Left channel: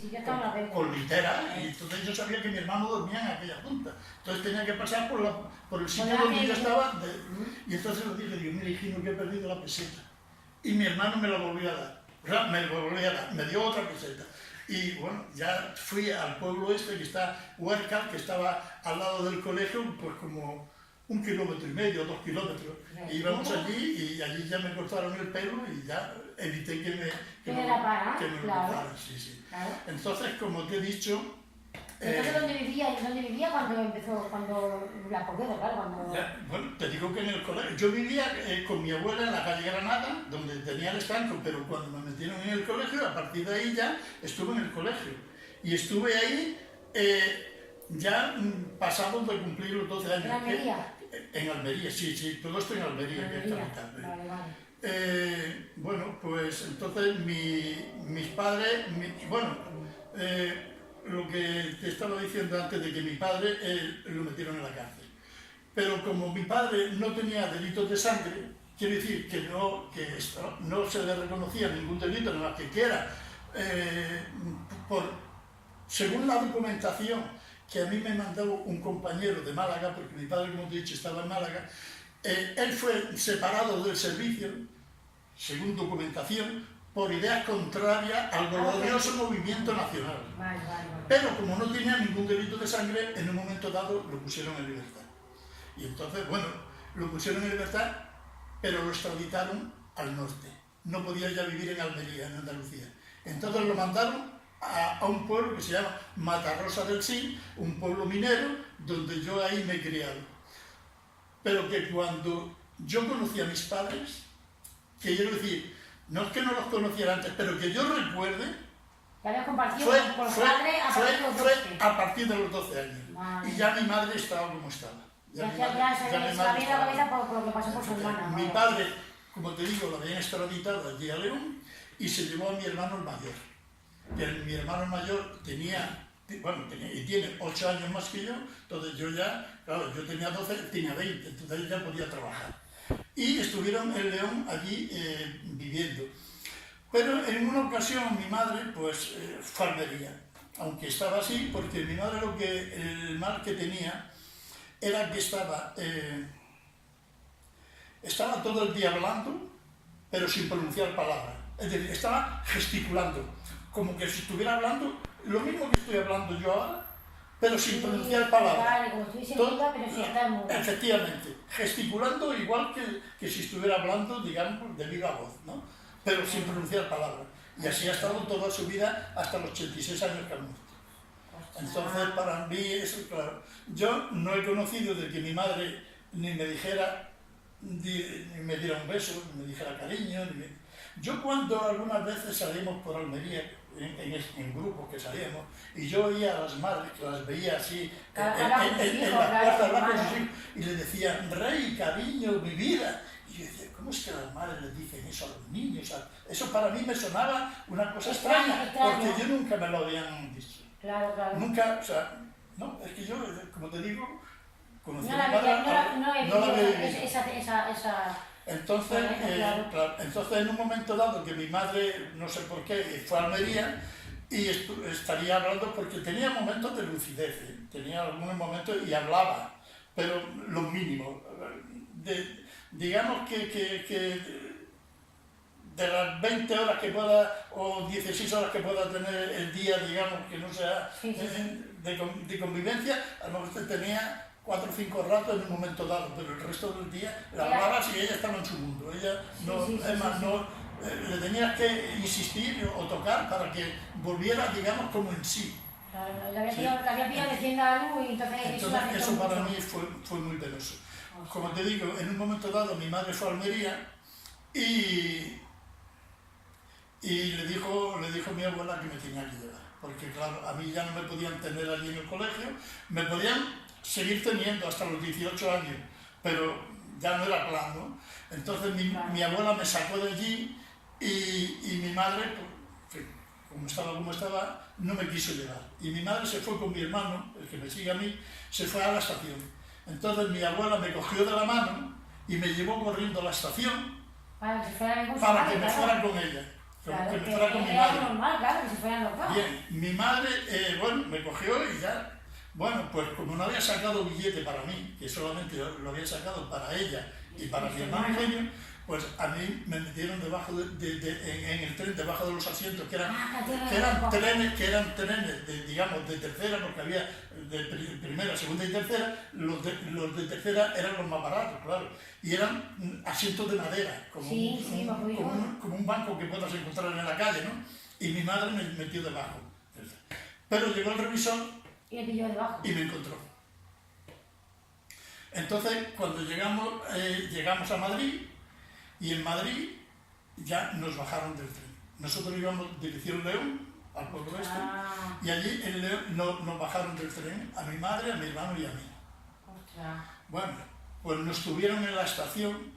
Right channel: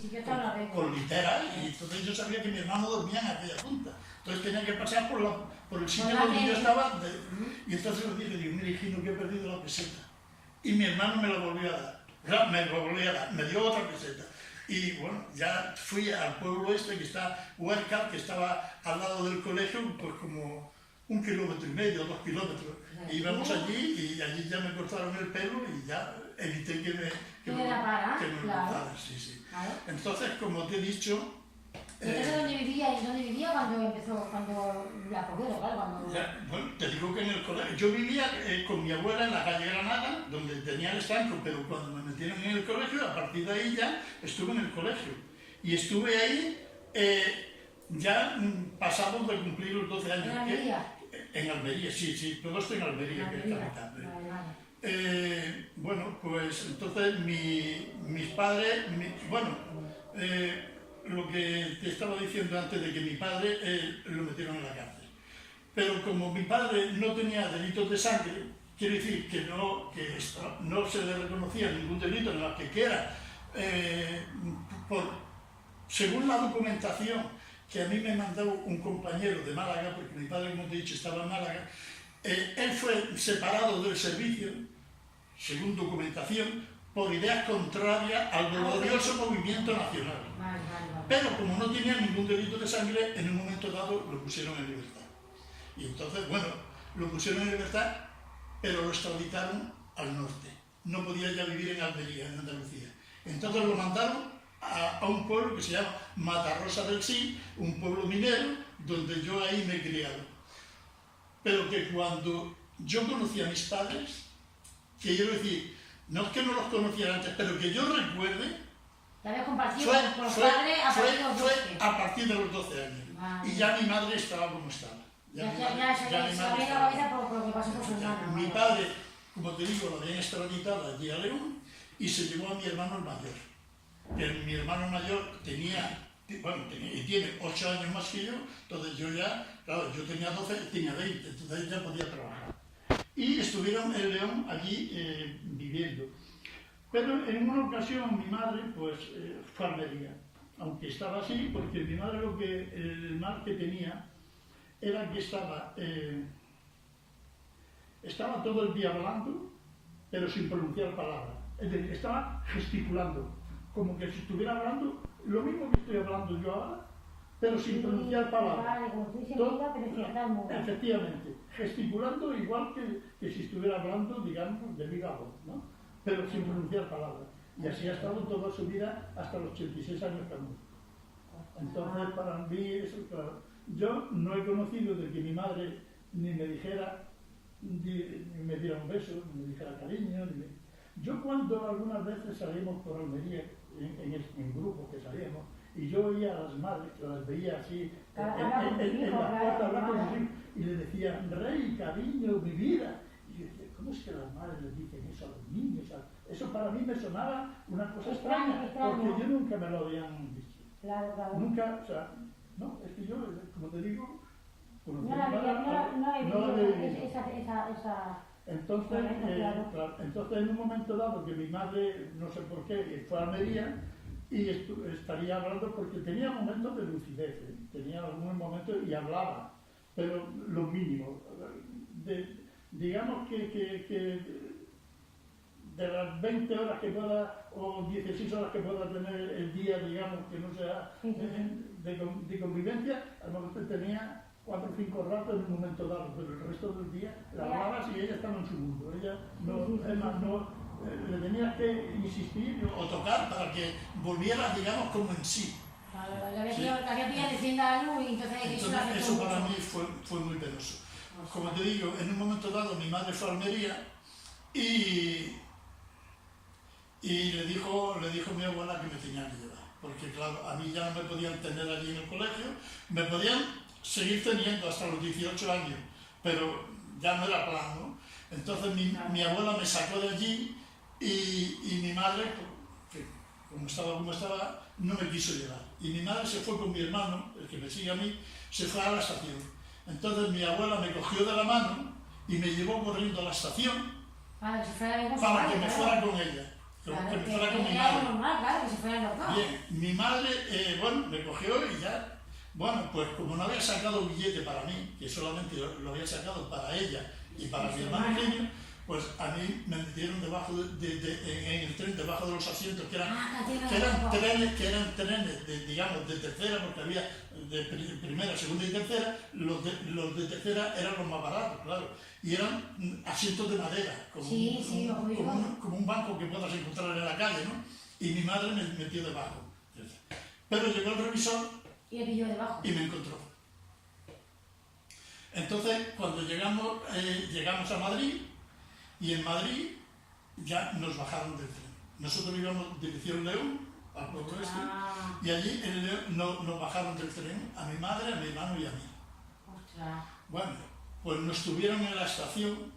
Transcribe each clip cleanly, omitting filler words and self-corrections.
sí, yo también lo veo. Con litera, y entonces yo sabía que mi hermano dormía en aquella punta. Entonces tenía que pasar por el sitio donde yo estaba, y entonces le dije, digo, mira, hijino, que he perdido la peseta. Y mi hermano me la volvió a dar. O sea, me lo volvió a dar, me dio otra peseta. Y bueno, ya fui al pueblo este, que está Huércal, que estaba al lado del colegio, pues como 1,5 kilómetros, 2 kilómetros. Y íbamos allí, y allí ya me cortaron el pelo y ya evité que me lo cortaran. Sí, sí. Claro. Entonces, como te he dicho... Entonces, ¿dónde vivía cuando empezó, cuando la posguerra, claro? Cuando... Bueno, te digo que en el colegio. Yo vivía con mi abuela en la calle Granada, donde tenía el estanco, pero cuando me metieron en el colegio, a partir de ahí ya estuve en el colegio. Y estuve ahí ya pasados de cumplir los 12 años. ¿En Almería? En Almería, sí, todo esto en Almería, que es capital. Vale. Bueno, pues entonces mis padres, lo que te estaba diciendo antes de que mi padre lo metieron en la cárcel. Pero como mi padre no tenía delitos de sangre, quiere decir que no se le reconocía ningún delito en la que era, según la documentación que a mí me mandó un compañero de Málaga, porque mi padre, como te he dicho, estaba en Málaga, él fue separado del servicio, según documentación, por ideas contrarias al glorioso movimiento nacional. Pero como no tenía ningún delito de sangre, en un momento dado lo pusieron en libertad. Y entonces, bueno, lo pusieron en libertad, pero lo extraditaron al norte. No podía ya vivir en Almería, en Andalucía. Entonces lo mandaron a un pueblo que se llama Matarrosa del Sil, un pueblo minero, donde yo ahí me he criado. Pero que cuando yo conocí a mis padres, que quiero decir, no es que no los conociera antes, pero que yo recuerde, fue a partir de los 12 años. Y ya mi madre estaba como estaba. Mi padre, como te digo, lo habían extraditado allí a León y se llevó a mi hermano el mayor. Mi hermano mayor tenía y tiene 8 años más que yo, entonces yo ya, claro, yo tenía 12, tenía 20, entonces ya podía trabajar. Y estuvieron en León allí viviendo. Pero en una ocasión mi madre pues fue a Almería, aunque estaba así, porque mi madre el mal que tenía era que estaba todo el día hablando, pero sin pronunciar palabras. Es decir, estaba gesticulando, como que si estuviera hablando, lo mismo que estoy hablando yo ahora, pero sin pronunciar palabras. Efectivamente, gesticulando igual que si estuviera hablando, digamos, de viva voz, ¿no? Pero sin pronunciar palabras. Y así ha estado toda su vida hasta los 86 años que ha muerto. Entonces, para mí, eso, claro, yo no he conocido de que mi madre ni me dijera, ni me diera un beso, ni me dijera cariño. Yo cuando algunas veces salimos por Almería, en grupos que salíamos, y yo oía a las madres, que las veía así en la plaza de la Constitución, y le decían, rey, cariño, mi vida. Y yo decía, ¿cómo es que las madres les dicen eso a los niños? Eso para mí me sonaba una cosa extraña, porque yo nunca me lo habían dicho. Claro. Nunca, o sea, no, es que yo, como te digo, conocí a mi madre, no la había vivido. Entonces, entonces, en un momento dado que mi madre, no sé por qué, fue a Almería, y estaría hablando porque tenía momentos de lucidez, tenía algunos momentos y hablaba, pero lo mínimo. Digamos que de las 20 horas que pueda, o 16 horas que pueda tener el día, digamos, que no sea de convivencia, a lo mejor tenía 4 o 5 ratos en un momento dado, pero el resto del día la hablaba si ella estaba en su mundo. Ella no le tenías que insistir o tocar para que volviera, digamos, como en sí. Claro, la había diciendo algo y entonces eso para mí fue muy penoso. Como te digo, en un momento dado mi madre fue a Almería y le dijo mi abuela que me tenía que llevar, porque claro, a mí ya no me podían tener allí en el colegio, me podían seguir teniendo hasta los 18 años, pero ya no era plan, ¿no? Entonces mi abuela me sacó de allí y mi madre, como estaba, no me quiso llevar. Y mi madre se fue con mi hermano, el que me sigue a mí, se fue a la estación. Entonces mi abuela me cogió de la mano y me llevó corriendo a la estación para que me fuera con ella. Claro, que me que fuera con mi era madre. normal, claro, que se fueran los dos. Bien, mi madre, bueno, me cogió y ya, bueno, pues como no había sacado billete para mí, que solamente lo había sacado para ella y para mi hermano Eugenio, pues a mí me metieron debajo en el tren, debajo de los asientos, que eran trenes digamos, de tercera, porque había de primera, segunda y tercera. Los de tercera eran los más baratos, claro, y eran asientos de madera, como un banco que puedas encontrar en la calle, ¿no? Y mi madre me metió debajo. Pero llegó el revisor y le pilló debajo. Y me encontró. Entonces, cuando llegamos a Madrid, y en Madrid ya nos bajaron del tren. Nosotros íbamos dirección León, al pueblo este, y allí en León nos bajaron del tren, a mi madre, a mi hermano y a mí. Ostras. Bueno, pues nos tuvieron en la estación,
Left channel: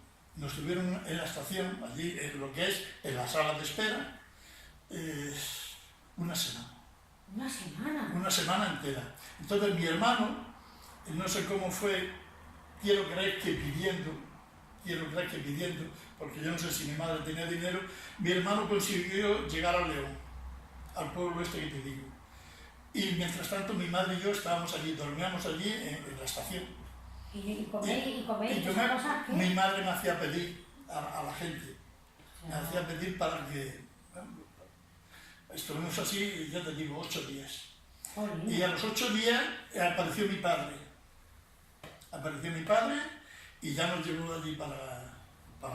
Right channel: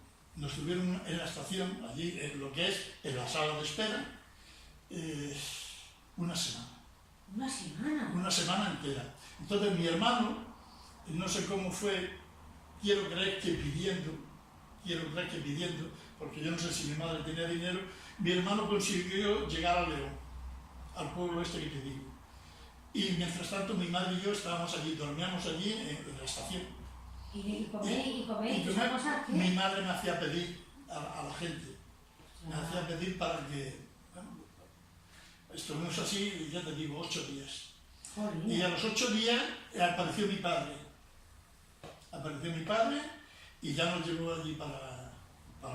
allí en lo que es en la sala de espera, una semana. ¿Una semana? Una semana entera. Entonces mi hermano, no sé cómo fue, quiero creer que pidiendo, porque yo no sé si mi madre tenía dinero, mi hermano consiguió llegar a León, al pueblo este que te digo. Y mientras tanto mi madre y yo estábamos allí, dormíamos allí en la estación. ¿Y comer? Mi madre me hacía pedir a la gente, me hacía pedir para que... Bueno, estuvimos así, ya te digo, 8 días. Y a los 8 días apareció mi padre. Y ya nos llevó allí para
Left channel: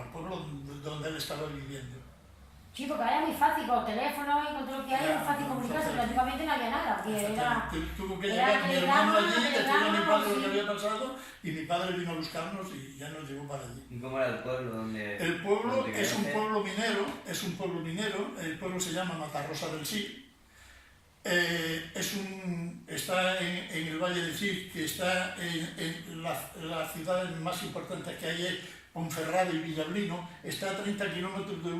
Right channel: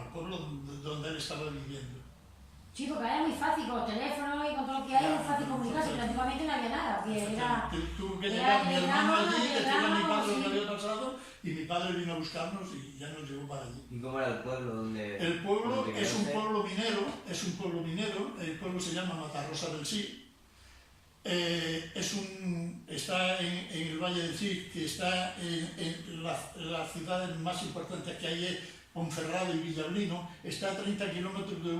el pueblo donde él estaba viviendo. Sí, porque ahora es muy fácil, con teléfono y con todo lo que hay, es muy fácil comunicarse, pero antiguamente no había nada. Tuvo que llegar mi hermano allí, decirle a mi padre lo que había pasado, y mi padre vino a buscarnos y ya nos llevó para allí. ¿Y cómo era el pueblo? El pueblo es un pueblo minero, el pueblo se llama Matarrosa del Sí. Está en el Valle del Sí, que está en las ciudades más importantes que hay, es Ponferrada y Villablino. Está a 30 kilómetros de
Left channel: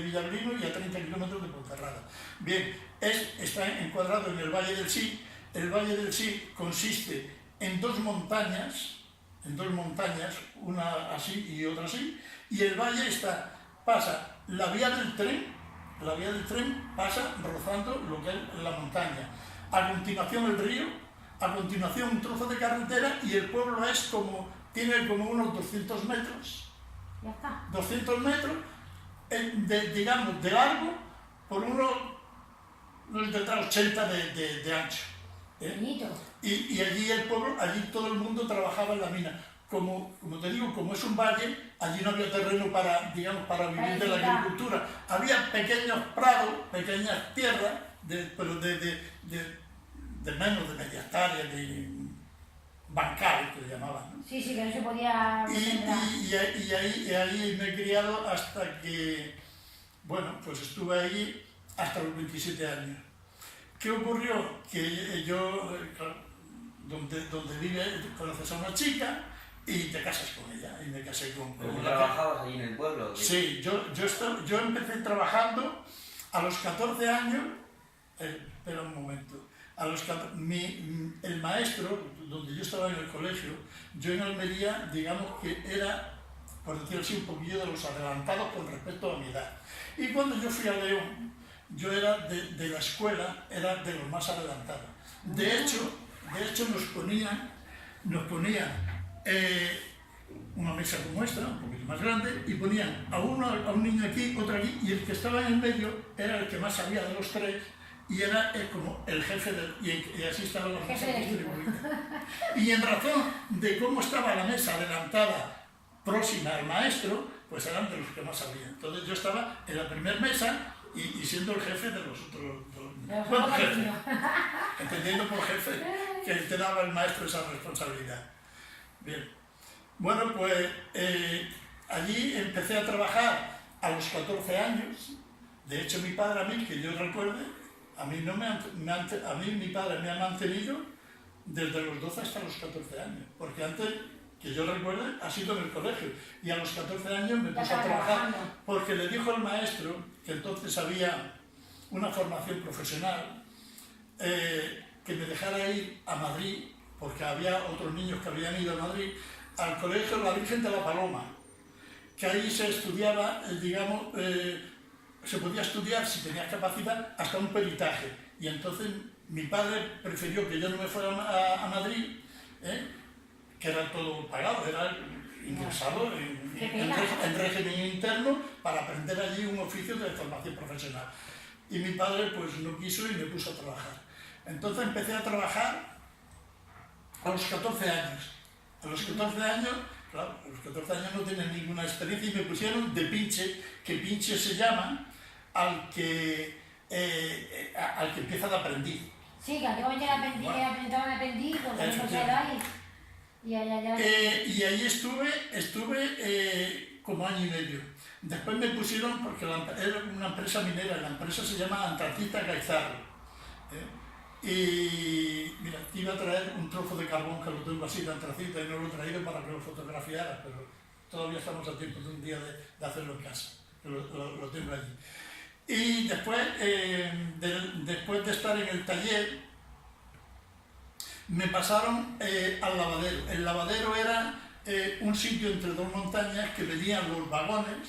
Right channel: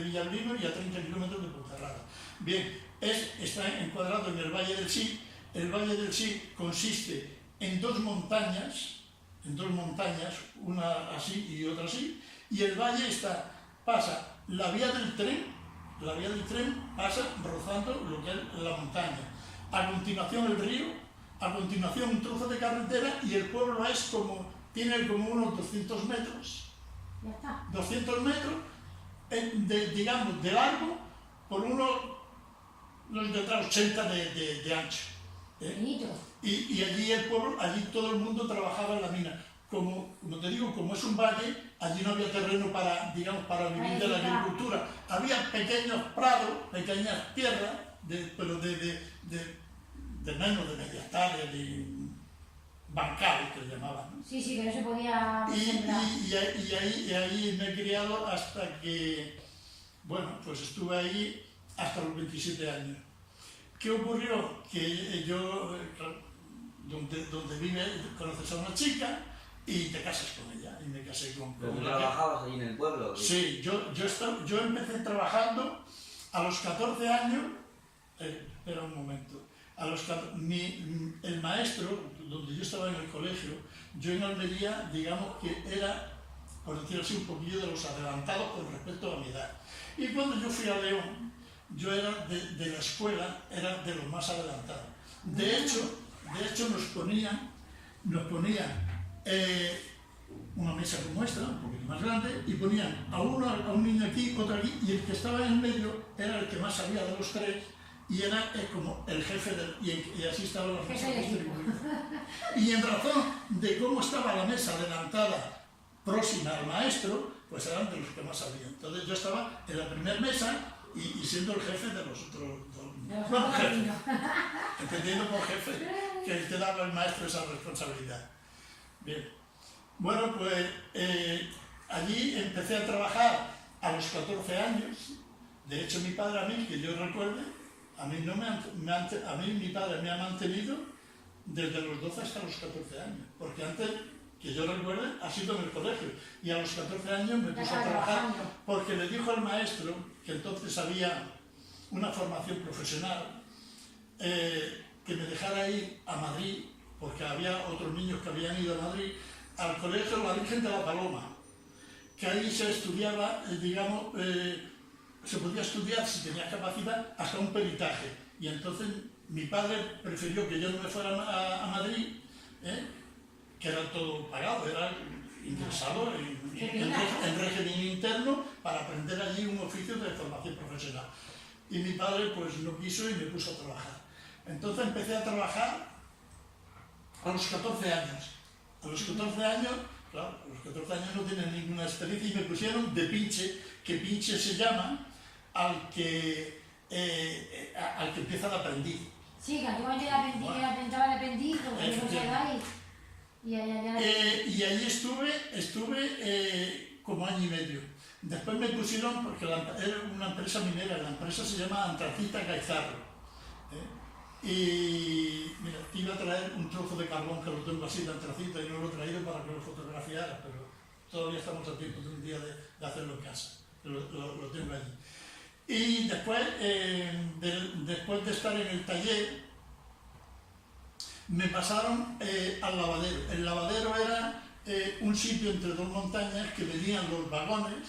Villablino y a 30 kilómetros de Ponferrada. Bien, está encuadrado en el Valle del Sí. El Valle del Sí consiste en dos montañas, una así y otra así, y el valle pasa la vía del tren pasa rozando lo que es la montaña. A continuación el río, a continuación un trozo de carretera, y el pueblo tiene como unos 200 metros. Ya está. 200 metros, digamos, de largo, por unos detrás 80 de ancho. Y allí el pueblo, allí todo el mundo trabajaba en la mina. Como te digo, como es un valle, allí no había terreno para vivir de la agricultura. Había pequeños prados, pequeñas tierras, pero de menos de media hectárea, de bancales que le llamaban, ¿no? Sí, que no se podía y ahí me he criado hasta que, bueno, pues estuve ahí hasta los 27 años. ¿Qué ocurrió? Que yo, donde vive, conoces a una chica y te casas con ella. Y me casé con ¿Pero tú trabajabas allí en el pueblo? Sí, yo empecé trabajando a los 14 años. Espera un momento. El maestro, donde yo estaba en el colegio, yo en Almería, digamos que era, por decirlo así, un poquillo de los adelantados con respecto a mi edad. Y cuando yo fui a León, yo era de la escuela, era de los más adelantados. De hecho nos ponían una mesa como esta, un poquito más grande, y ponían a un niño aquí, otro aquí, y el que estaba en el medio era el que más sabía de los tres, y era como el jefe y así estaban las mesas distribuidas. Y en razón de cómo estaba la mesa adelantada, próxima al maestro, pues eran de los que más sabían. Entonces yo estaba en la primera mesa y siendo el jefe de los otros dos. Bueno, jefe, entendiendo por jefe que te daba el maestro esa responsabilidad. Bien, bueno, pues allí empecé a trabajar a los 14 años. De hecho, mi padre, a mí, que yo recuerde, a mí mi padre me ha mantenido desde los 12 hasta los 14 años, porque antes, que yo recuerde, ha sido en el colegio, y a los 14 años me puse a trabajar, porque le dijo al maestro, que entonces había una formación profesional, que me dejara ir a Madrid, porque había otros niños que habían ido a Madrid, al colegio La Virgen de la Paloma, que ahí se estudiaba, digamos, se podía estudiar, si tenías capacidad, hasta un peritaje. Y entonces mi padre prefirió que yo no me fuera a Madrid, que era todo pagado, era ingresado en régimen interno para aprender allí un oficio de formación profesional. Y mi padre pues no quiso y me puso a trabajar. Entonces empecé a trabajar a los 14 años. A los 14 años, claro, a los 14 años no tienen ninguna experiencia y me pusieron de pinche, que pinche se llama al que empieza de aprendiz. Sí, que antiguamente era aprendiz, bueno, que aprendaban de aprendiz, porque no se da y ahí estuve como año y medio. Después me pusieron, porque era una empresa minera, la empresa se llama Antracita Gaizarro. Y mira, te iba a traer un trozo de carbón que lo tengo así de antracita y no lo he traído para que lo fotografiara, pero todavía estamos a tiempo de un día de hacerlo en casa, lo tengo allí. Y después, después de estar en el taller, me pasaron al lavadero. El lavadero era un sitio entre dos montañas que venían los vagones,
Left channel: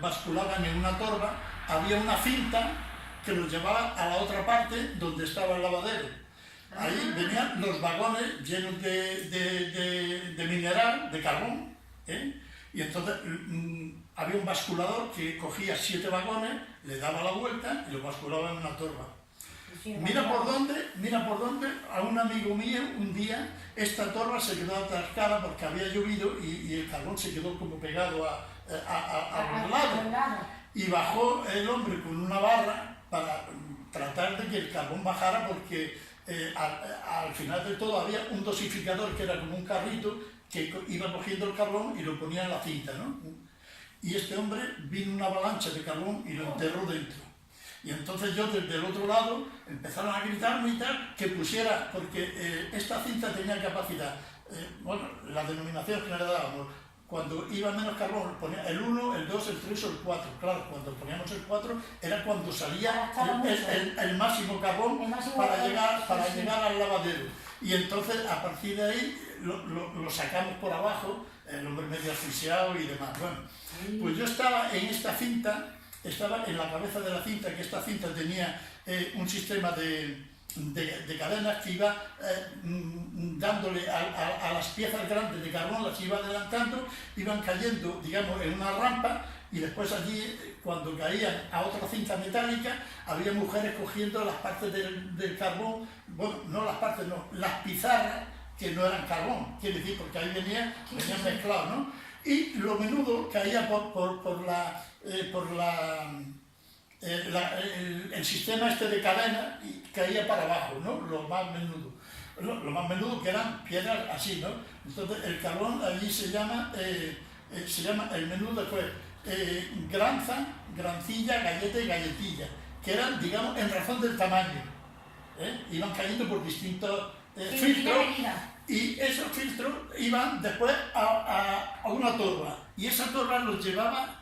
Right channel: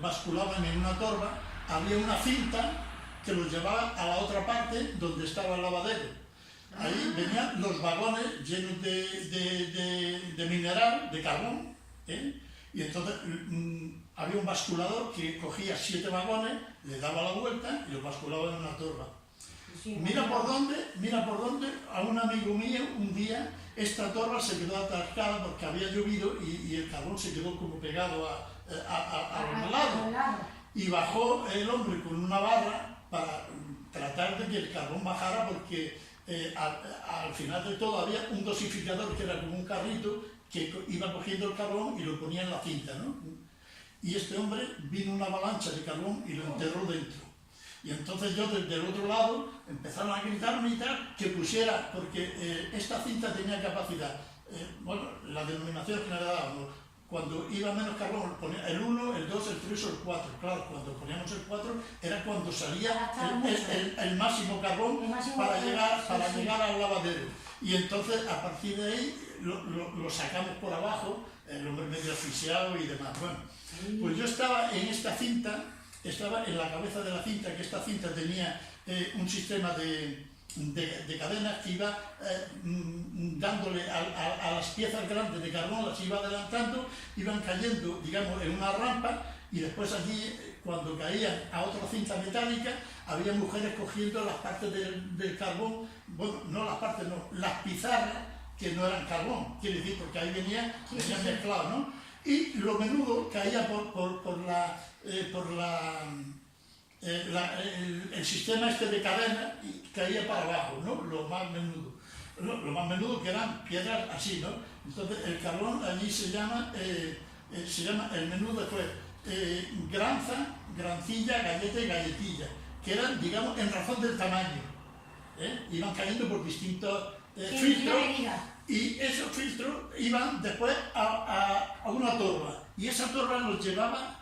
basculaban en una torba, había una cinta que los llevaba a la otra parte donde estaba el lavadero. Ahí venían los vagones llenos de mineral, de carbón, y entonces había un basculador que cogía 7 vagones, le daba la vuelta y los basculaba en una torba. Mira por dónde, a un amigo mío un día esta torba se quedó atascada porque había llovido y el carbón se quedó como pegado a los lados. Y bajó el hombre con una barra para tratar de que el carbón bajara porque al final de todo había un dosificador que era como un carrito que iba cogiendo el carbón y lo ponía en la cinta, ¿no? Y este hombre vino una avalancha de carbón y lo enterró dentro. Y entonces yo desde el otro lado empezaron a gritarme y tal, que pusiera, porque esta cinta tenía capacidad, bueno, la denominación que le dábamos, cuando iba menos carbón, ponía el 1, el 2, el 3 o el 4. Claro, cuando poníamos el 4 era cuando salía el máximo carbón para llegar al lavadero. Y entonces a partir de ahí lo sacamos por abajo, el hombre medio asfixiado y demás. Bueno, pues yo estaba en esta cinta, estaba en la cabeza de la cinta, que esta cinta tenía un sistema de cadenas que iba dándole a las piezas grandes de carbón, las iba adelantando, iban cayendo, digamos, en una rampa y después allí, cuando caían a otra cinta metálica, había mujeres cogiendo las partes del carbón, bueno, no las partes, no, las pizarras que no eran carbón, quiere decir, porque ahí venían mezclados, ¿no? Y lo menudo caía el sistema este de cadena y caía para abajo, ¿no? Lo más menudo que eran piedras así, ¿no? Entonces el carbón allí se llama el menudo, pues granza, grancilla, galleta y galletilla, que eran, digamos, en razón del tamaño, iban cayendo por distintos filtros y esos filtros iban después a una torba y esa torba los llevaba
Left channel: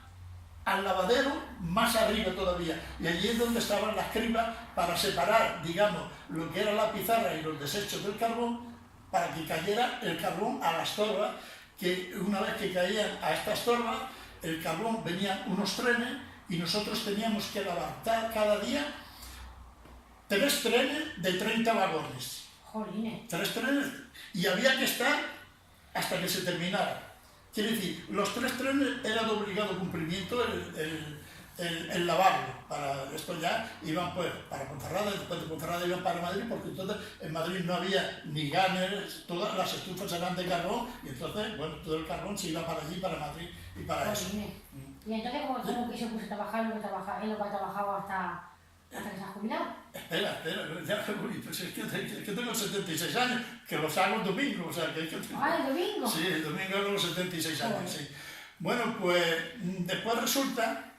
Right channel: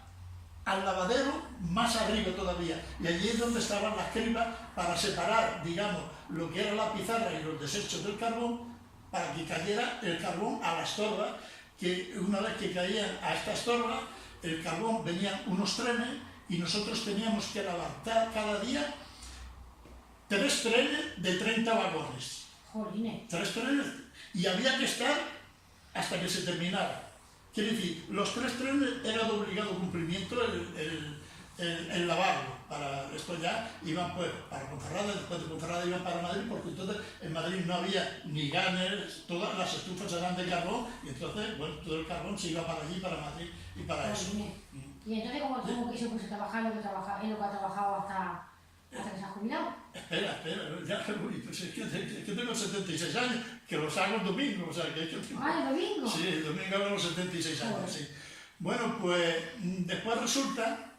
al lavadero más arriba todavía, y allí es donde estaban las cribas para separar, digamos, lo que era la pizarra y los desechos del carbón, para que cayera el carbón a las torbas, que una vez que caían a estas torbas, el carbón venían unos trenes y nosotros teníamos que lavar cada día 3 trenes de 30 vagones. Jolines. 3 trenes, y había que estar hasta que se terminara. Quiere decir, los 3 trenes era de obligado cumplimiento el lavarlo. Para esto ya iban pues para Ponferrada, y después de Ponferrada iban para Madrid, porque entonces en Madrid no había ni ganes, todas las estufas eran de carbón, y entonces, bueno, todo el carbón se iba para allí, para Madrid y para eso. ¿Y entonces cómo que se puso a trabajar en lo que ha trabajado hasta que se ha jubilado? Espera, ya, pues es que tengo 76 años, que los hago el domingo, o sea, que tengo... ¿Ah, el domingo? Sí, el domingo hago los 76 años, sí. Bueno, pues después resulta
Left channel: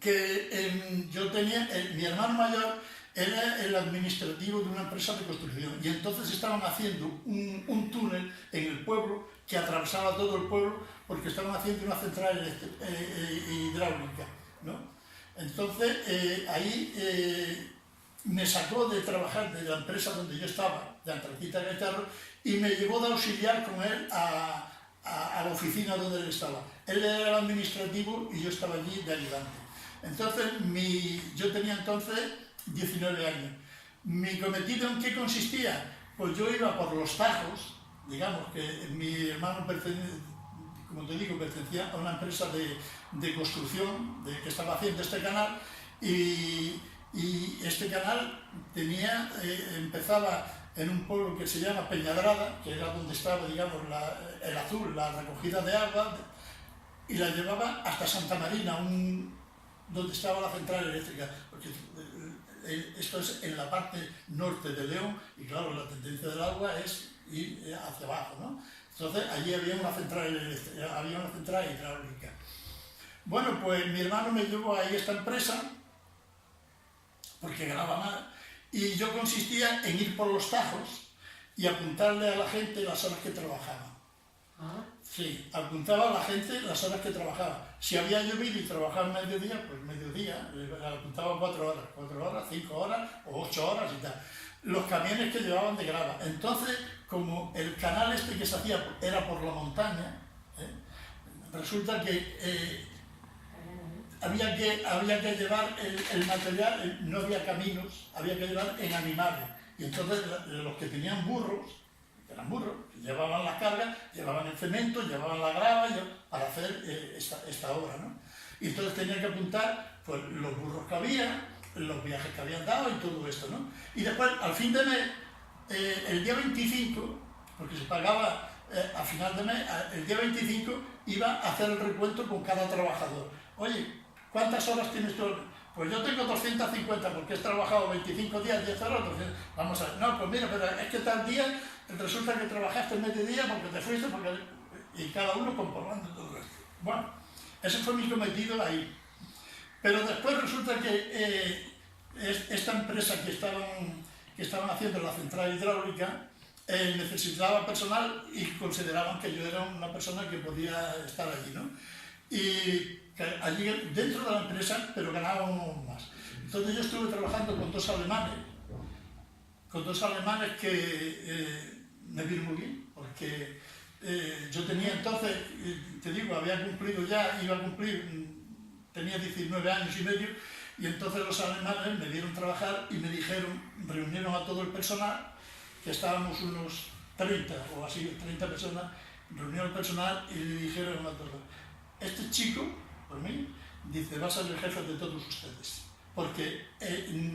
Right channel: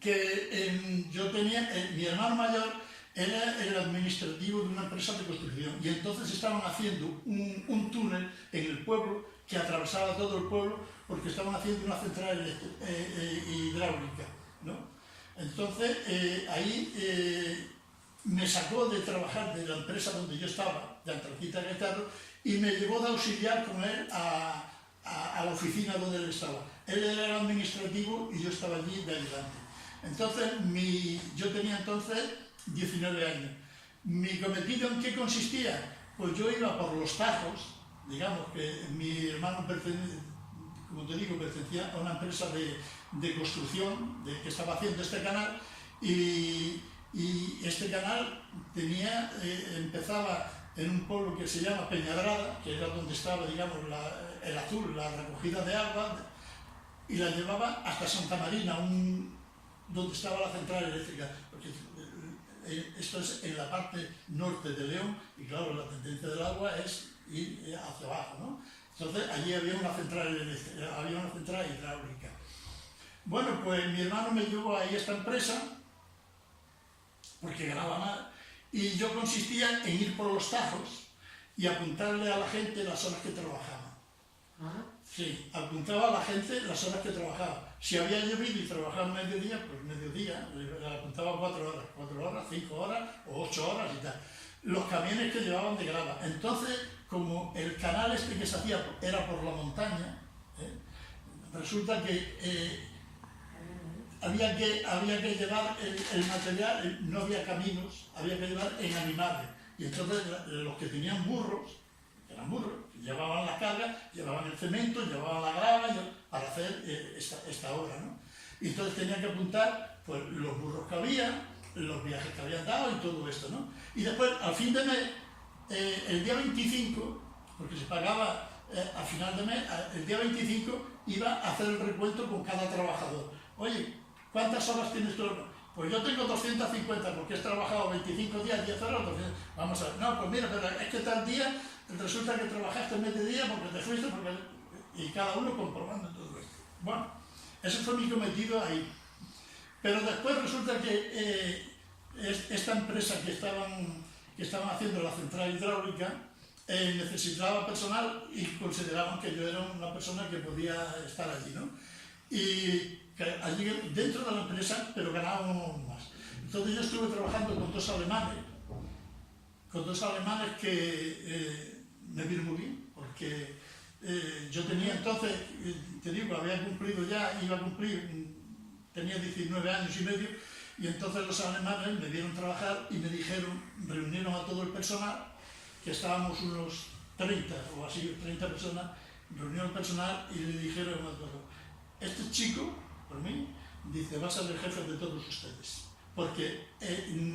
que yo tenía, mi hermano mayor era el administrativo de una empresa de construcción y entonces estaban haciendo un túnel en el pueblo que atravesaba todo el pueblo porque estaban haciendo una central hidráulica, ¿no? Entonces ahí me sacó de trabajar de la empresa donde yo estaba, de Antracita Gaizarro, y me llevó de auxiliar con él a la oficina donde él estaba. Él era el administrativo y yo estaba allí de ayudante. Entonces, yo tenía entonces 19 años. ¿Mi cometido en qué consistía? Pues yo iba por los tajos, digamos que mi hermano como te digo, pertenecía a una empresa de construcción que estaba haciendo este canal, y este canal empezaba en un pueblo que se llama Peñadrada, que era donde estaba, digamos, el azul, la recogida de agua, y la llevaba hasta Santa Marina, donde estaba la central eléctrica, porque esto es en la parte norte de León, y claro, la tendencia del agua es ir hacia abajo, ¿no? Entonces allí había una central eléctrica, había una central hidráulica. Bueno, pues mi hermano me llevó ahí a esta empresa, porque ganaba más, y yo consistía en ir por los tajos y apuntarle a la gente las horas que trabajaba. Sí, apuntaba a la gente las horas que trabajaba. Si había llovido y trabajaba mediodía, pues mediodía, le apuntaba 4 horas, 5 horas o 8 horas y tal. Los camiones que llevaban de grava. Entonces, como el canal este que se hacía era por la montaña, resulta que había que llevar el material, no había caminos, había que llevar en animales. Y entonces los que tenían burros, llevaban las cargas, llevaban el cemento, llevaban la grava para hacer esta obra, ¿no? Y entonces tenía que apuntar pues, los burros que había, los viajes que habían dado y todo esto, ¿no? Y después, al fin de mes, el día 25, porque se pagaba a final de mes, el día 25 iba a hacer el recuento con cada trabajador. Oye, ¿cuántas horas tienes tú? Pues yo tengo 250 porque he trabajado 25 días, 10 horas, 200. Vamos a ver, no, pues mira, pero es que tal día resulta que trabajaste mediodía porque te fuiste, y cada uno comprobando todo esto. Bueno, ese fue mi cometido ahí. Pero después resulta que esta empresa que estaban haciendo la central hidráulica necesitaba personal y consideraban que yo era una persona que podía estar allí, ¿no? Y que allí dentro de la empresa, pero ganábamos más. Entonces yo estuve trabajando con dos alemanes que me vieron muy bien, porque yo tenía entonces, te digo, tenía 19 años y medio, y entonces los alemanes me vieron trabajar y me dijeron, reunieron a todo el personal, que estábamos unos 30 o así, 30 personas, reunieron al personal y le dijeron a todos, este chico, por mí, dice, va a ser el jefe de todos ustedes. Porque,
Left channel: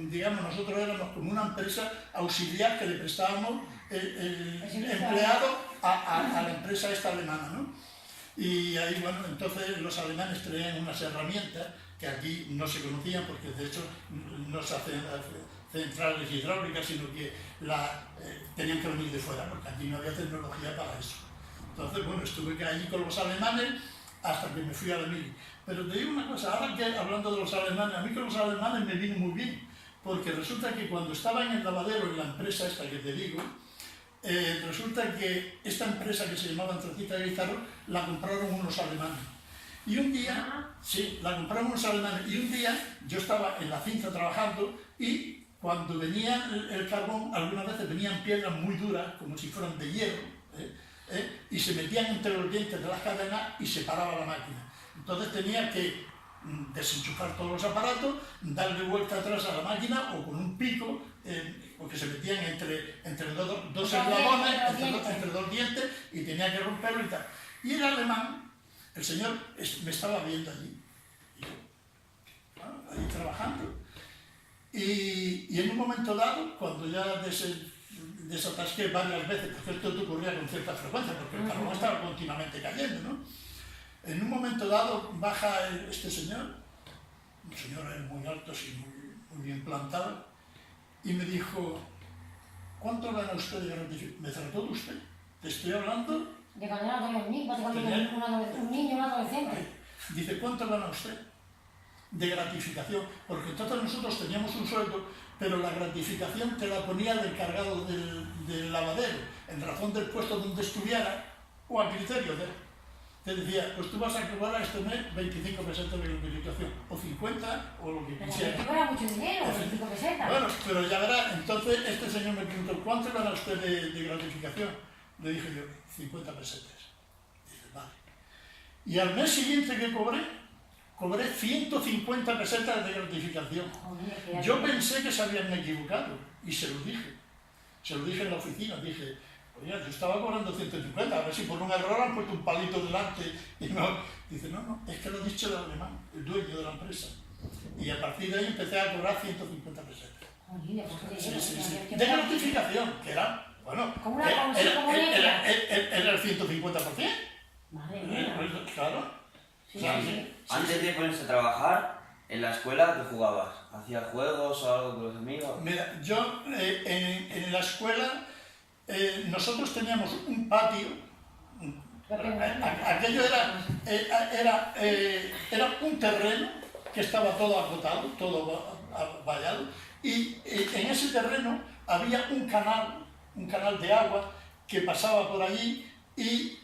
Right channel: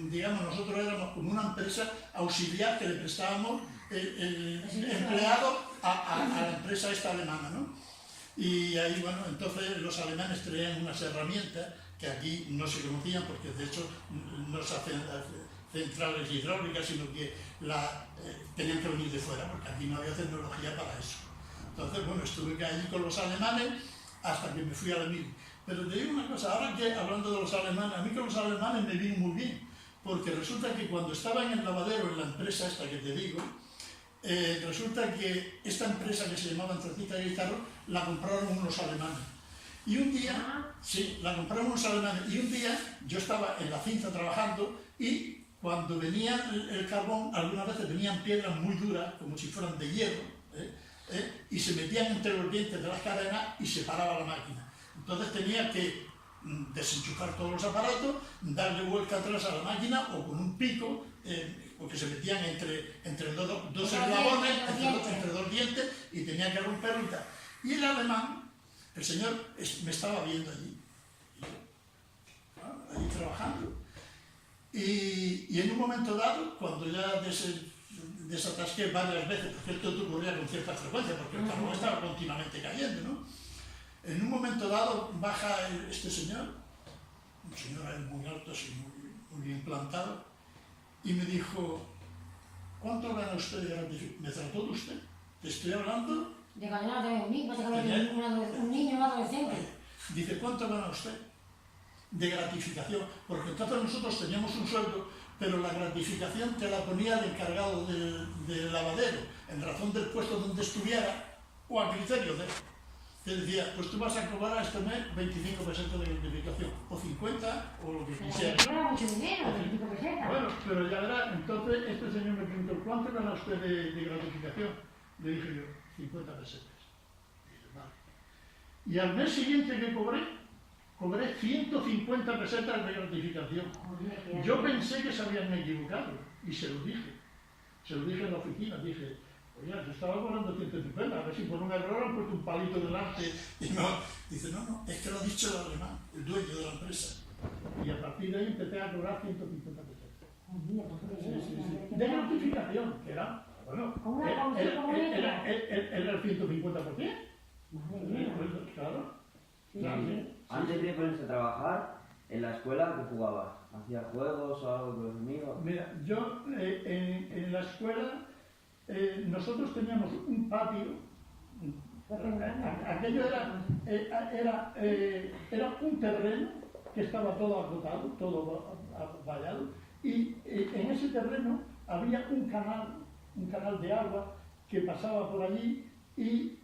digamos, nosotros éramos como una empresa auxiliar que le prestábamos el empleado a la empresa esta alemana, ¿no? Y ahí, bueno, entonces los alemanes traían unas herramientas que aquí no se conocían, porque de hecho no se hacen centrales hidráulicas, sino que tenían que venir de fuera, porque aquí no había tecnología para eso. Entonces, bueno, estuve allí con los alemanes hasta que me fui a la mili. Pero te digo una cosa, ahora que hablando de los alemanes, a mí con los alemanes me vino muy bien, porque resulta que cuando estaba en el lavadero, en la empresa esta que te digo, resulta que esta empresa que se llamaba Antracita de Guitarro, la compraron unos alemanes. Y un día, sí, la compraron unos alemanes, y un día yo estaba en la cinta trabajando y cuando venía el carbón, algunas veces venían piedras muy duras, como si fueran de hierro, y se metían entre los dientes de las cadenas y se paraba la máquina. Entonces tenía que desenchufar todos los aparatos, darle vuelta atrás a la máquina o con un pico, porque se metían entre dos eslabones, entre dos dientes, y tenía que romperlo y tal. Y el alemán, el señor, me estaba viendo allí, y yo, bueno, ahí trabajando. Y en un momento dado, cuando ya desatasqué varias veces, porque esto ocurría con cierta frecuencia, porque el carbón estaba continuamente cayendo, ¿no? En un momento dado baja este señor, un señor muy alto, así, muy bien plantado, y me dijo, ¿cuánto gana usted de gratificación? ¿Me trató de usted? Te estoy hablando... De cuando no tenía un niño, básicamente un niño, un adolescente. Dice, ¿cuánto gana usted de gratificación? Porque entonces nosotros teníamos un sueldo, pero la gratificación te la ponía el encargado del lavadero, en razón del puesto donde estuviera, o al criterio de él. Te decía, pues tú vas a cobrar este mes 25 pesetas de gratificación, o 50, o lo que quisiera. Pero no era mucho dinero, 25 pesetas. Bueno, pero ya verá, entonces este señor me preguntó, ¿cuánto gana usted de gratificación? Le dije yo, 50 pesetas. Dice, Y al mes siguiente que cobré 150 pesetas de gratificación. Joder, Yo pensé que se habían equivocado y se lo dije. Se lo dije en la oficina, dije, oye, yo estaba cobrando 150, a ver si por un error han puesto un palito delante. Y no, dice, no, es que lo ha dicho el alemán, el dueño de la empresa. Y a partir de ahí empecé a cobrar 150 pesetas. joder, De gratificación, que era, bueno, Como una comisión, como una era el 150%. Madre mía. Claro. Sí, Claro, sí, sí. sí. Antes de ponerse a trabajar, en la escuela, ¿qué jugabas? ¿Hacías juegos o algo con los amigos? Mira, yo en la escuela nosotros teníamos un patio. Aquello era un terreno que estaba todo acotado, todo vallado, y en ese terreno había un canal de agua que pasaba por allí y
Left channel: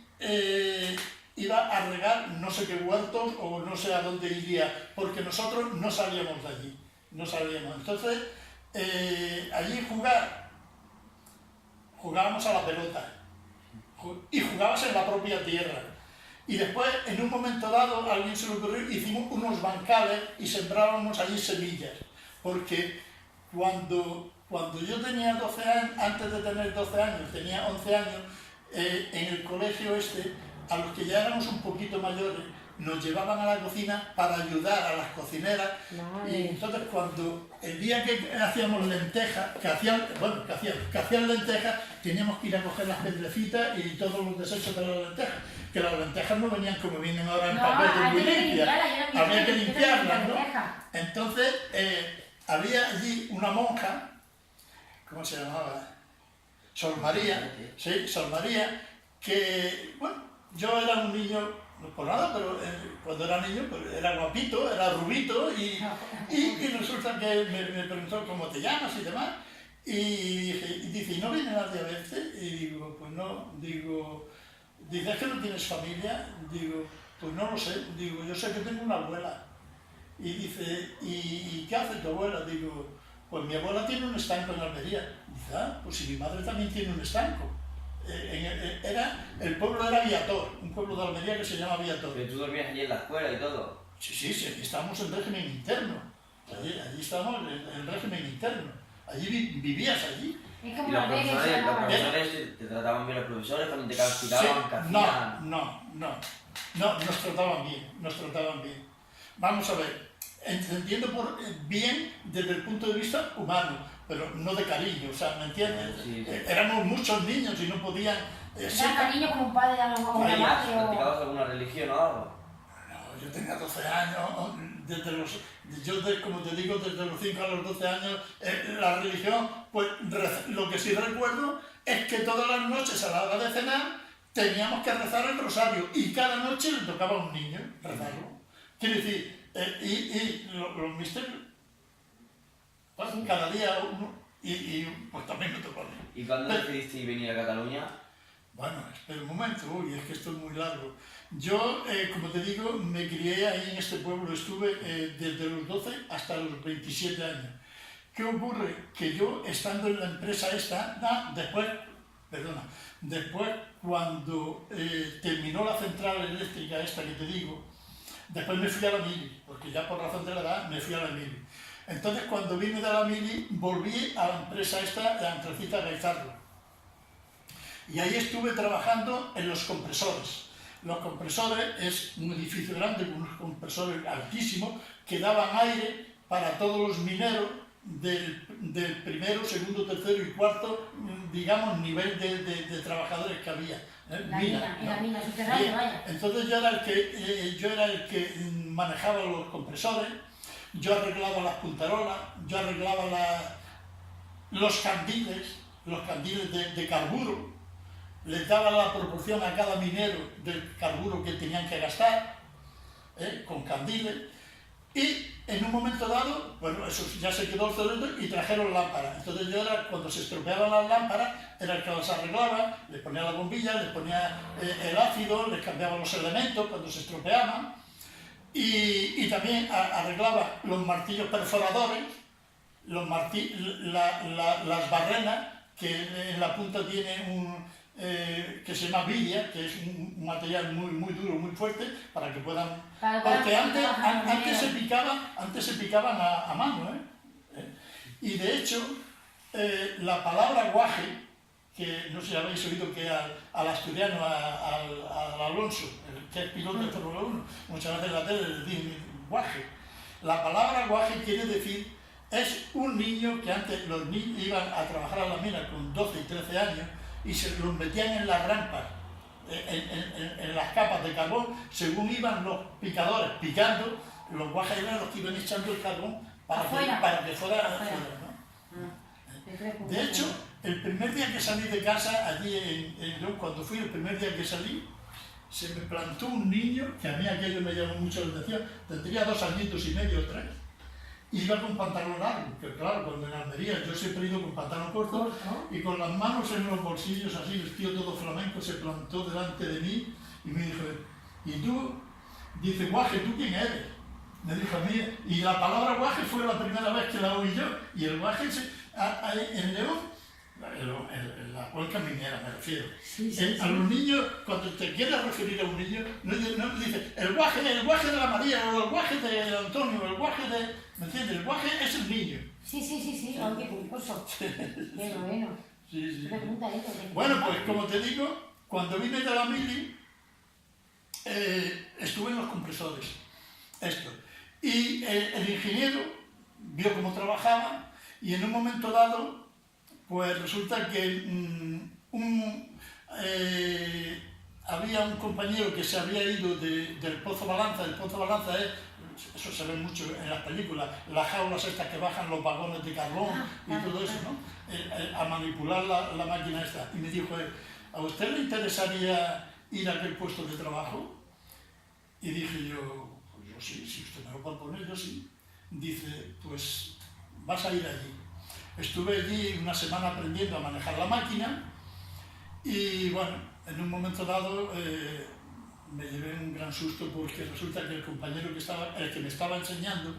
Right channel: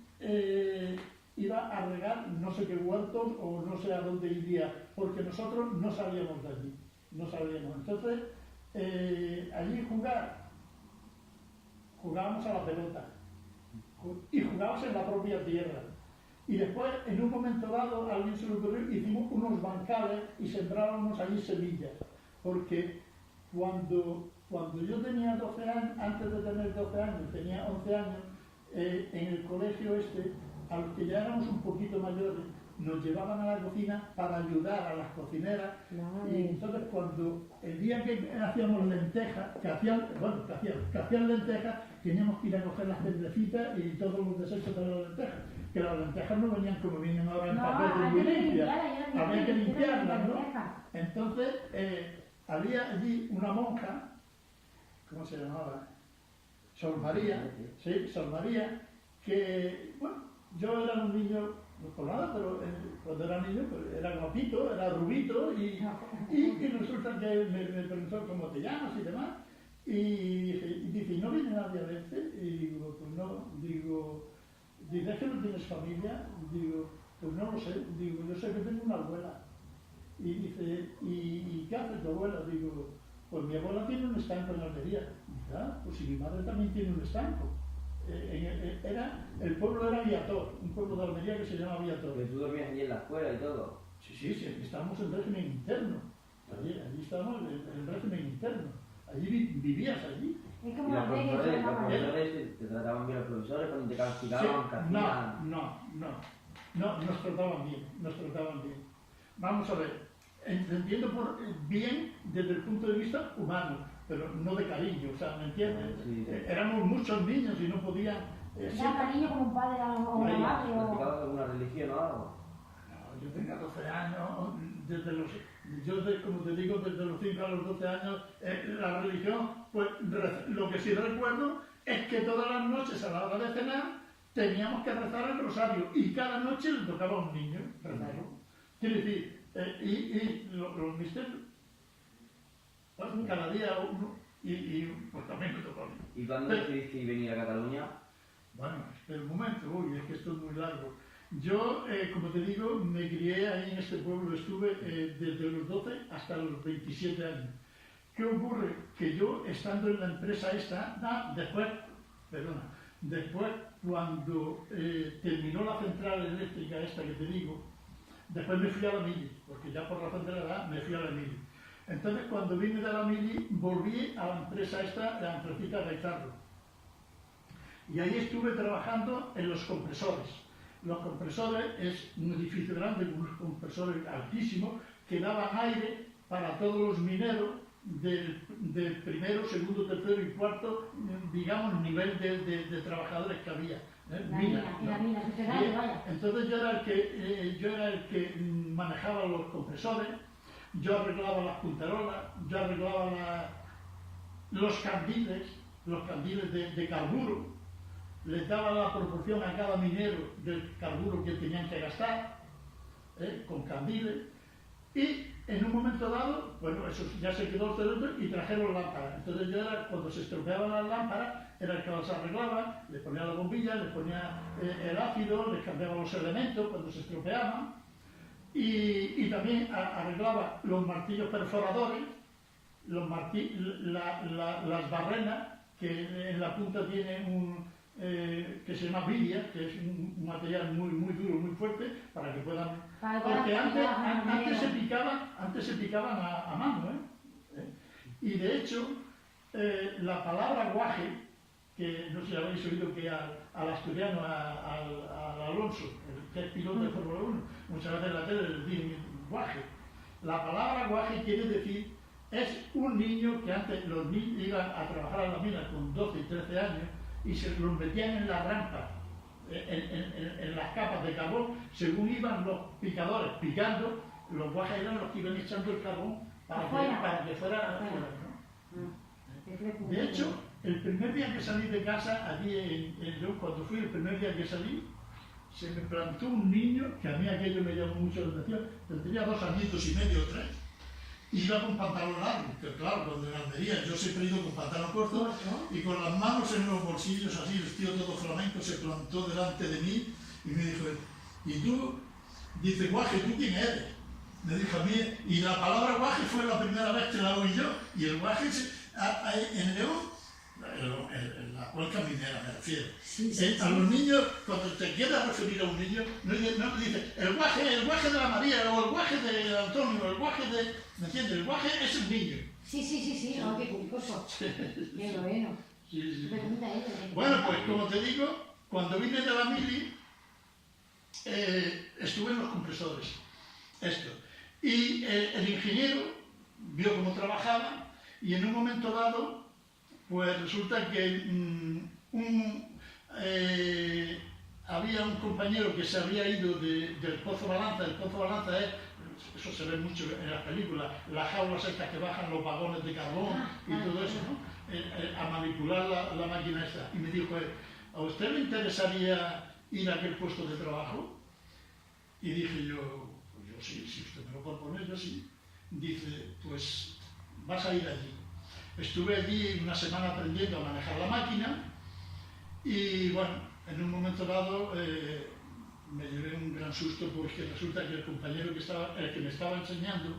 iba a regar no sé qué huertos o no sé a dónde iría, porque nosotros no salíamos de allí, no salíamos. Entonces, allí jugábamos a la pelota y jugabas en la propia tierra. Y después, en un momento dado, a alguien se le ocurrió, hicimos unos bancales y sembrábamos allí semillas, porque cuando yo tenía 12 años, antes de tener 12 años, tenía 11 años, en el colegio a los que ya éramos un poquito mayores, nos llevaban a la cocina para ayudar a las cocineras. Vale. Y entonces cuando el día que hacíamos lentejas, que hacían lentejas, teníamos que ir a coger las pedrecitas y todos los desechos de las lentejas, que las lentejas no venían como vienen ahora en papel muy limpias, había que limpiarlas, ¿no? Entonces había allí una monja, ¿cómo se llamaba? Sor María, sí, Sor María, que, bueno, yo era un niño, no por nada, pero cuando era niño pues, era guapito, era rubito, y resulta que me preguntó cómo te llamas y demás, y dice, ¿y no viene nadie a verte? Y digo, pues no, digo, dice, ¿es que no tienes familia? Digo, pues no lo sé, digo, yo sé que tengo una abuela. Y dice, ¿y qué hace tu abuela? Digo, pues mi abuela tiene un estanco en Almería. Dice, pues si mi madre también tiene un estanco. El pueblo era Viator, un pueblo de Almería que se llama Viator. Pero tú dormías allí en la escuela y todo. Sí, aquí estábamos en régimen interno. Allí estábamos en régimen interno. Allí vivías allí. Es como Y los una regla, profesores, se los llama. profesores te trataban bien los profesores, cuando te castigaban, Sí, ¿qué hacían? no, nos trataban bien. Vamos a ver, entiendo por bien desde el punto de vista humano, pero no de cariño, o sea, ¿me entiendes? Sí, sí. Éramos muchos niños y no podían... Era cariño como un padre a una madre o... ¿Practicabas alguna religión o algo? No, yo tenía 12 años, como te digo, desde los 5 a los 12 años, la religión, pues lo que sí recuerdo es que todas las noches a la hora de cenar teníamos que rezar el rosario y cada noche le tocaba a un niño rezarlo. Quiere decir, los misterios, pues, cada día uno, y pues también me tocó a mí. ¿Y cuándo decidiste venir a Cataluña? Bueno, espera un momento, es que esto es muy largo. Yo, como te digo, me crié ahí en este pueblo, estuve desde los 12 hasta los 27 años. ¿Qué ocurre? Que yo, estando en la empresa después cuando terminó la central eléctrica esta que te digo, después me fui a la Mili, porque ya por razón de la edad me fui a la Mili. Entonces, cuando vine de la Mili, volví a la empresa esta, la Antracita Gaizarro. Y ahí estuve trabajando en los compresores. Los compresores es un edificio grande con unos compresores altísimos que daban aire para todos los mineros del primero, segundo, tercero y cuarto, digamos, nivel de trabajadores que había. La mina, subterránea, vaya. Entonces yo era el que manejaba los compresores, yo arreglaba las puntarolas, yo arreglaba los candiles de carburo, les daba la proporción a cada minero del carburo que tenían que gastar, con candiles, y en un momento dado, bueno, eso ya se quedó obsoleto y trajeron lámparas. Entonces yo era, cuando se estropeaban las lámparas, era el que las arreglaba, les ponía la bombilla, les ponía el ácido, les cambiaba los elementos cuando se estropeaban, y también arreglaba los martillos perforadores, las barrenas, que en la punta tiene que se llama vidia, que es un material muy duro, muy fuerte, para que puedan... Porque antes se picaban a mano, Y de hecho, la palabra guaje, que no sé si habéis oído que al asturiano, al Alonso, el que es piloto de Fórmula 1, muchas veces en la tele le dicen guaje. La palabra guaje quiere decir, es un niño que antes los niños iban a trabajar a la mina con 12 y 13 años y se los metían en las rampas, en las capas de carbón, según iban los picadores picando, los guajes eran los que iban echando el carbón para que fuera afuera, ¿no? De hecho, el primer día que salí de casa, allí en León, cuando fui el primer día que salí, se me plantó un niño, que a mí aquello me llamó mucho la atención, tendría 2 añitos y medio o 3, y iba con pantalón largo, que claro, cuando en Almería yo siempre he ido con pantalón corto, y con las manos en los bolsillos así, vestido todo flamenco, se plantó delante de mí y me dijo, ¿y tú? Dice, guaje, ¿tú quién eres? Me dijo a mí, y la palabra guaje fue la primera vez que la oí yo, y el guaje en León, la cuenca minera me refiero. A los niños, cuando te quieres referir a un niño, no dices el guaje de la María, o el guaje de Antonio, o el guaje de... ¿Me entiendes? El guaje es el niño. Sí, oh, qué curioso. Qué bueno. Sí. Pregunta eso. Bueno, pues como te digo, cuando vine de la mili, estuve en los compresores. Y el ingeniero vio cómo trabajaba y en un momento dado, pues resulta que había un compañero que se había ido del Pozo Balanza. El Pozo Balanza es, eso se ve mucho en las películas, las jaulas estas que bajan los vagones de carbón y todo eso, ¿no? A manipular la máquina esta. Y me dijo, ¿a usted le interesaría ir a aquel puesto de trabajo? Y dije yo, pues yo sí, si usted me lo propone, yo sí. Dice, pues vas a ir allí. Estuve allí una semana aprendiendo a manejar la máquina y bueno, en un momento dado me llevé un gran susto porque resulta que el compañero el que me estaba enseñando,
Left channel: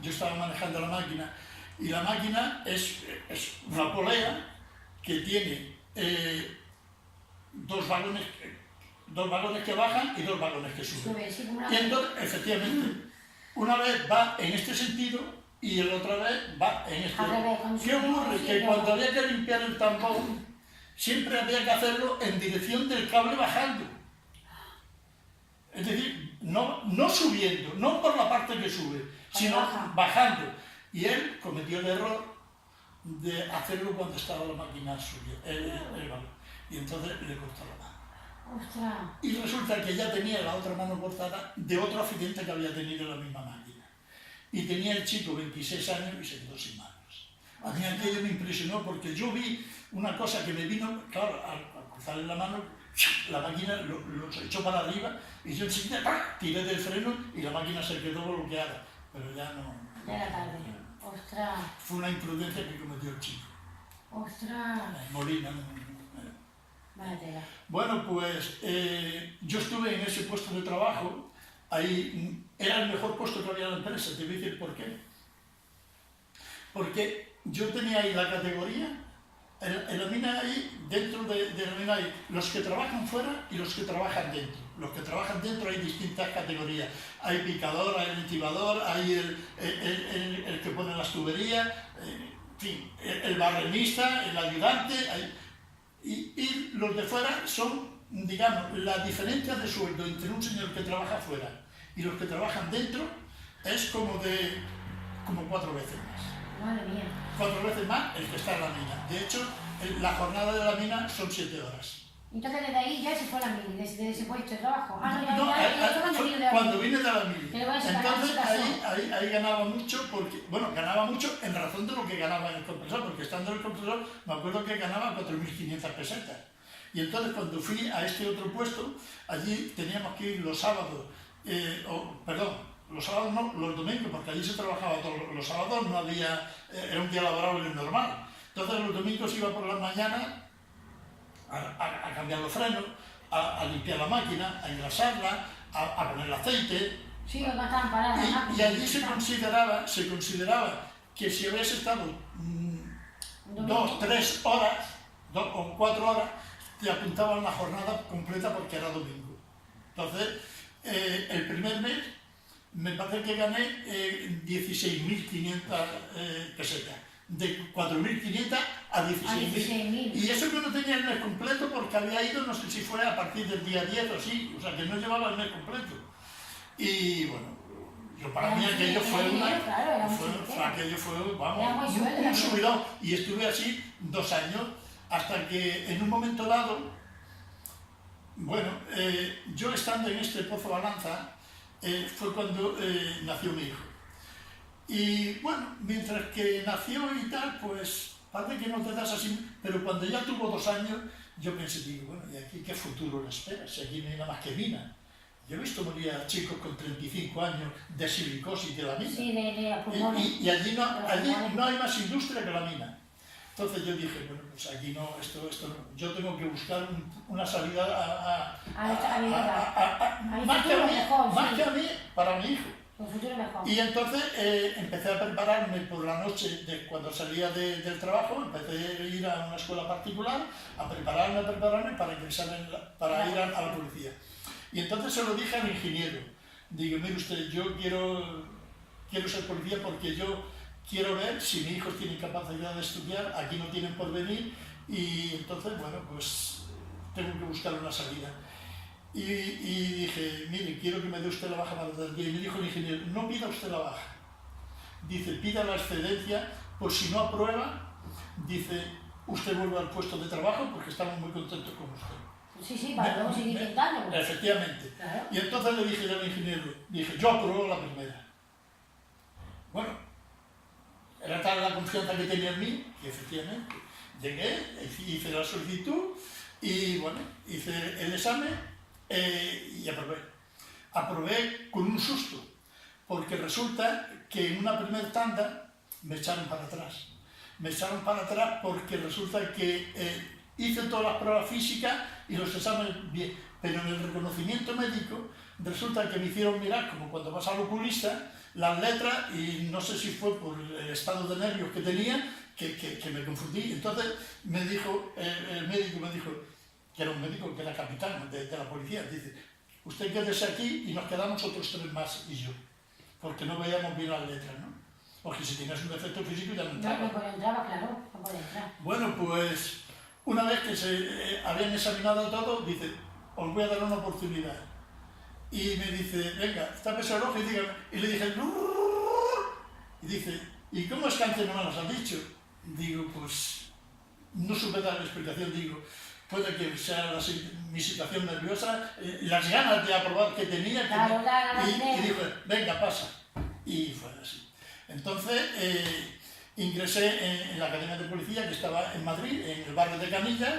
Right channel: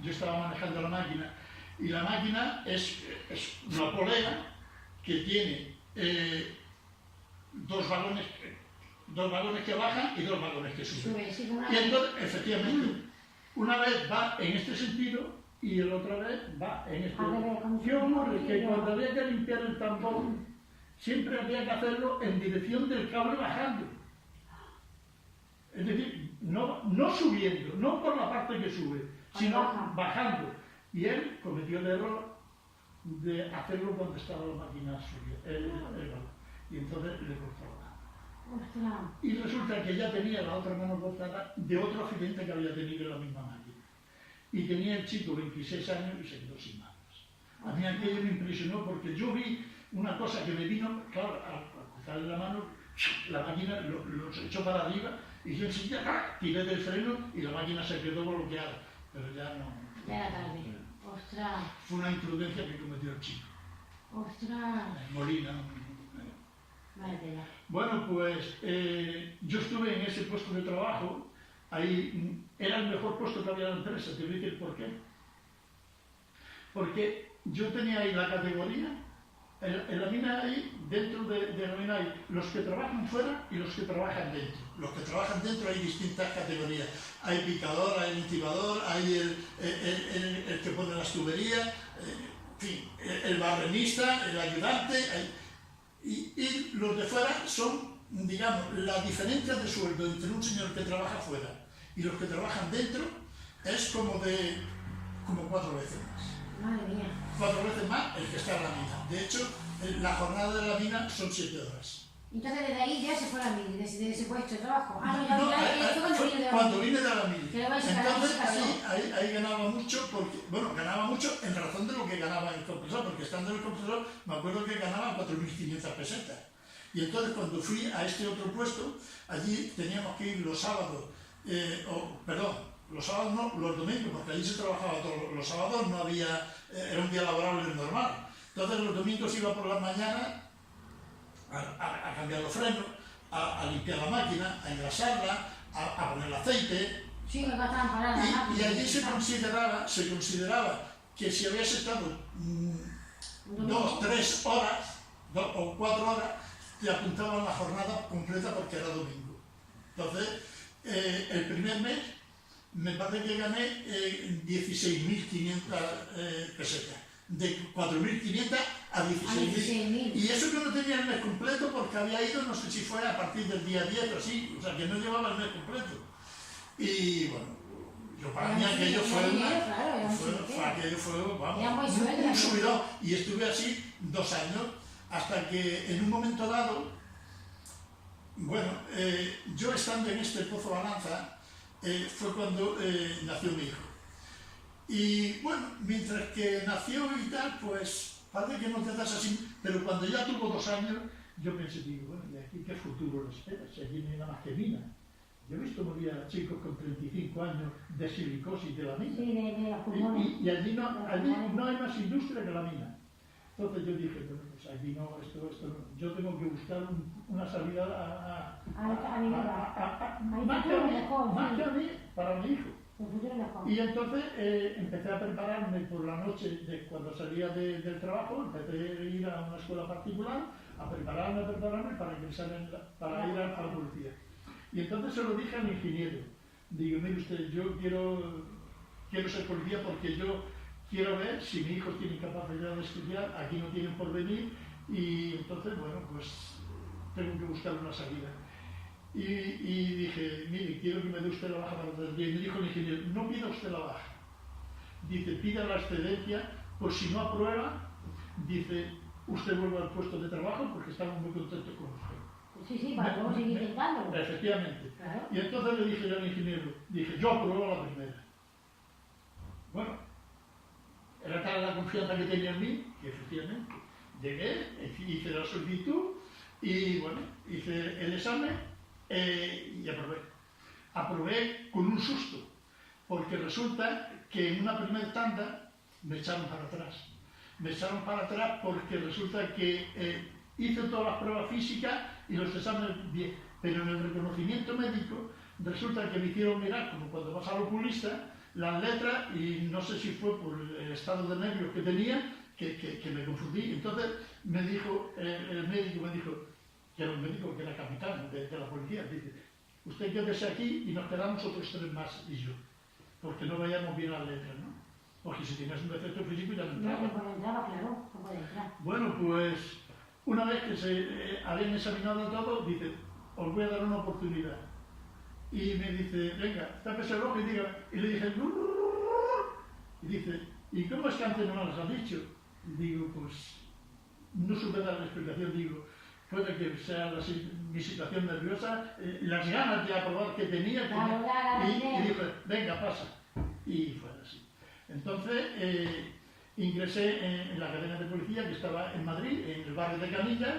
yo estaba manejando la máquina y la máquina es una polea que tiene 2 vagones que bajan y 2 vagones que suben. Y entonces, efectivamente, una vez va en este sentido y la otra vez va en este. ¿Qué ocurre? Que cuando había que limpiar el tambón, siempre había que hacerlo en dirección del cable bajando. Es decir, no subiendo, no por la parte que sube, sino bajando. Y él cometió el error de hacerlo cuando estaba la máquina subiendo. Y entonces le cortó la mano. ¡Ostras! Y resulta que ya tenía la otra mano cortada de otro accidente que había tenido en la misma máquina. Y tenía el chico 26 años y se quedó sin manos. A mí aquello me impresionó porque yo vi una cosa que me vino, claro, al cruzarle la mano, la máquina lo echó para arriba y yo enseguida tiré del freno y la máquina se quedó bloqueada. Pero ya no... De la tarde. ¡Ostras! Fue una imprudencia que cometió el chico. ¡Ostras! Molina. Vale, tela. Bueno, pues yo estuve en ese puesto de trabajo. Ahí era el mejor puesto que había en la empresa, te voy a decir por qué. Porque yo tenía ahí la categoría, en la mina ahí, dentro de la mina hay los que trabajan fuera y los que trabajan dentro. Los que trabajan dentro hay distintas categorías. Hay picador, hay ultivador, hay el que pone las tuberías, en fin, el barrenista, el ayudante. Y los de fuera son, digamos, la diferencia de sueldo entre un señor que trabaja fuera y los que trabajan dentro es como 4 veces más. Madre mía. 4 veces más el que está en la mina. De hecho, la jornada de la mina son 7 horas. Entonces desde ahí ya se fue a la mili, desde ese puesto de trabajo. Cuando vine de la mili. Entonces ahí ganaba mucho, ganaba mucho en razón de lo que ganaba en el compresor, porque estando en el compresor me acuerdo que ganaba 4.500 pesetas. Y entonces cuando fui a este otro puesto, allí teníamos que ir los sábados, los sábados no, los domingos, porque allí se trabajaba todos los sábados, no había, era un día laborable normal. Entonces los domingos iba por las mañanas a cambiar los frenos, a limpiar la máquina, a engrasarla, a poner el aceite. Sí, no estaban paradas. Y allí se consideraba que si habías estado 2, 3 horas, 2 o 4 horas, te apuntaban la jornada completa porque era domingo. Entonces, el primer mes me parece que gané 16.500 pesetas. De 4.500 a 16.000. Y eso que no tenía el mes completo porque había ido, no sé si fue a partir del día 10 o así, o sea que no llevaba el mes completo. Y bueno, yo para mí aquello fue vamos, un subidón. Y estuve así 2 años, hasta que en un momento dado, bueno, yo estando en este Pozo Balanza, fue cuando nació mi hijo. Y bueno, mientras que nació y tal, pues parece que no te das así, pero cuando ya tuvo 2 años, yo pensé, digo, bueno, ¿y aquí qué futuro le espera? Si aquí no hay nada más que mina. Yo he visto morir a chicos con 35 años de silicosis de la mina. Sí, y allí no hay más industria que la mina. Entonces yo dije, bueno, pues aquí no, esto no. Yo tengo que buscar una salida más que a mí, para mi hijo. Y entonces empecé a prepararme por la noche, cuando salía del trabajo, empecé a ir a una escuela particular, a prepararme para ingresar para ir a la policía. Y entonces se lo dije al ingeniero. Digo, mire usted, yo quiero ser policía porque yo quiero ver si mis hijos tienen capacidad de estudiar, aquí no tienen por venir, y entonces, bueno, pues tengo que buscar una salida. Y dije, mire, quiero que me dé usted la baja para el día. Y me dijo el ingeniero, no pida usted la baja. Dice, pida la excedencia, por si no aprueba, dice, usted vuelve al puesto de trabajo porque estamos muy contentos con usted. Sí, para luego seguir intentando. Efectivamente. Claro. Y entonces le dije yo al ingeniero, dije, yo apruebo la primera. Bueno, era tal la confianza que tenía en mí, que efectivamente llegué, hice la solicitud y bueno, hice el examen y aprobé. Aprobé con un susto, porque resulta que en una primera tanda me echaron para atrás. Me echaron para atrás porque resulta que hice todas las pruebas físicas y los exámenes bien, pero en el reconocimiento médico resulta que me hicieron mirar, como cuando vas al oculista, las letras, y no sé si fue por el estado de nervios que tenía, que me confundí. Entonces me dijo, el médico me dijo, que era un médico que era capitán de la policía, dice, usted quédese aquí y nos quedamos otros 3 más y yo, porque no veíamos bien las letras, ¿no? Porque si tenías un defecto físico ya no entraba. No puede entrar, claro, no puede entrar. Bueno, pues una vez que se habían examinado todo, dice, os voy a dar una oportunidad. Y me dice, venga, tápese el ojo y diga, y le dije, y dice, ¿y cómo es que antes no me las has dicho? Digo, pues no supe dar la explicación, digo, puede que sea mi situación nerviosa, las ganas de aprobar que tenía, y dijo, venga, pasa. Y fue así. Entonces, ingresé en la Academia de Policía, que estaba en Madrid, en el barrio de Canillas,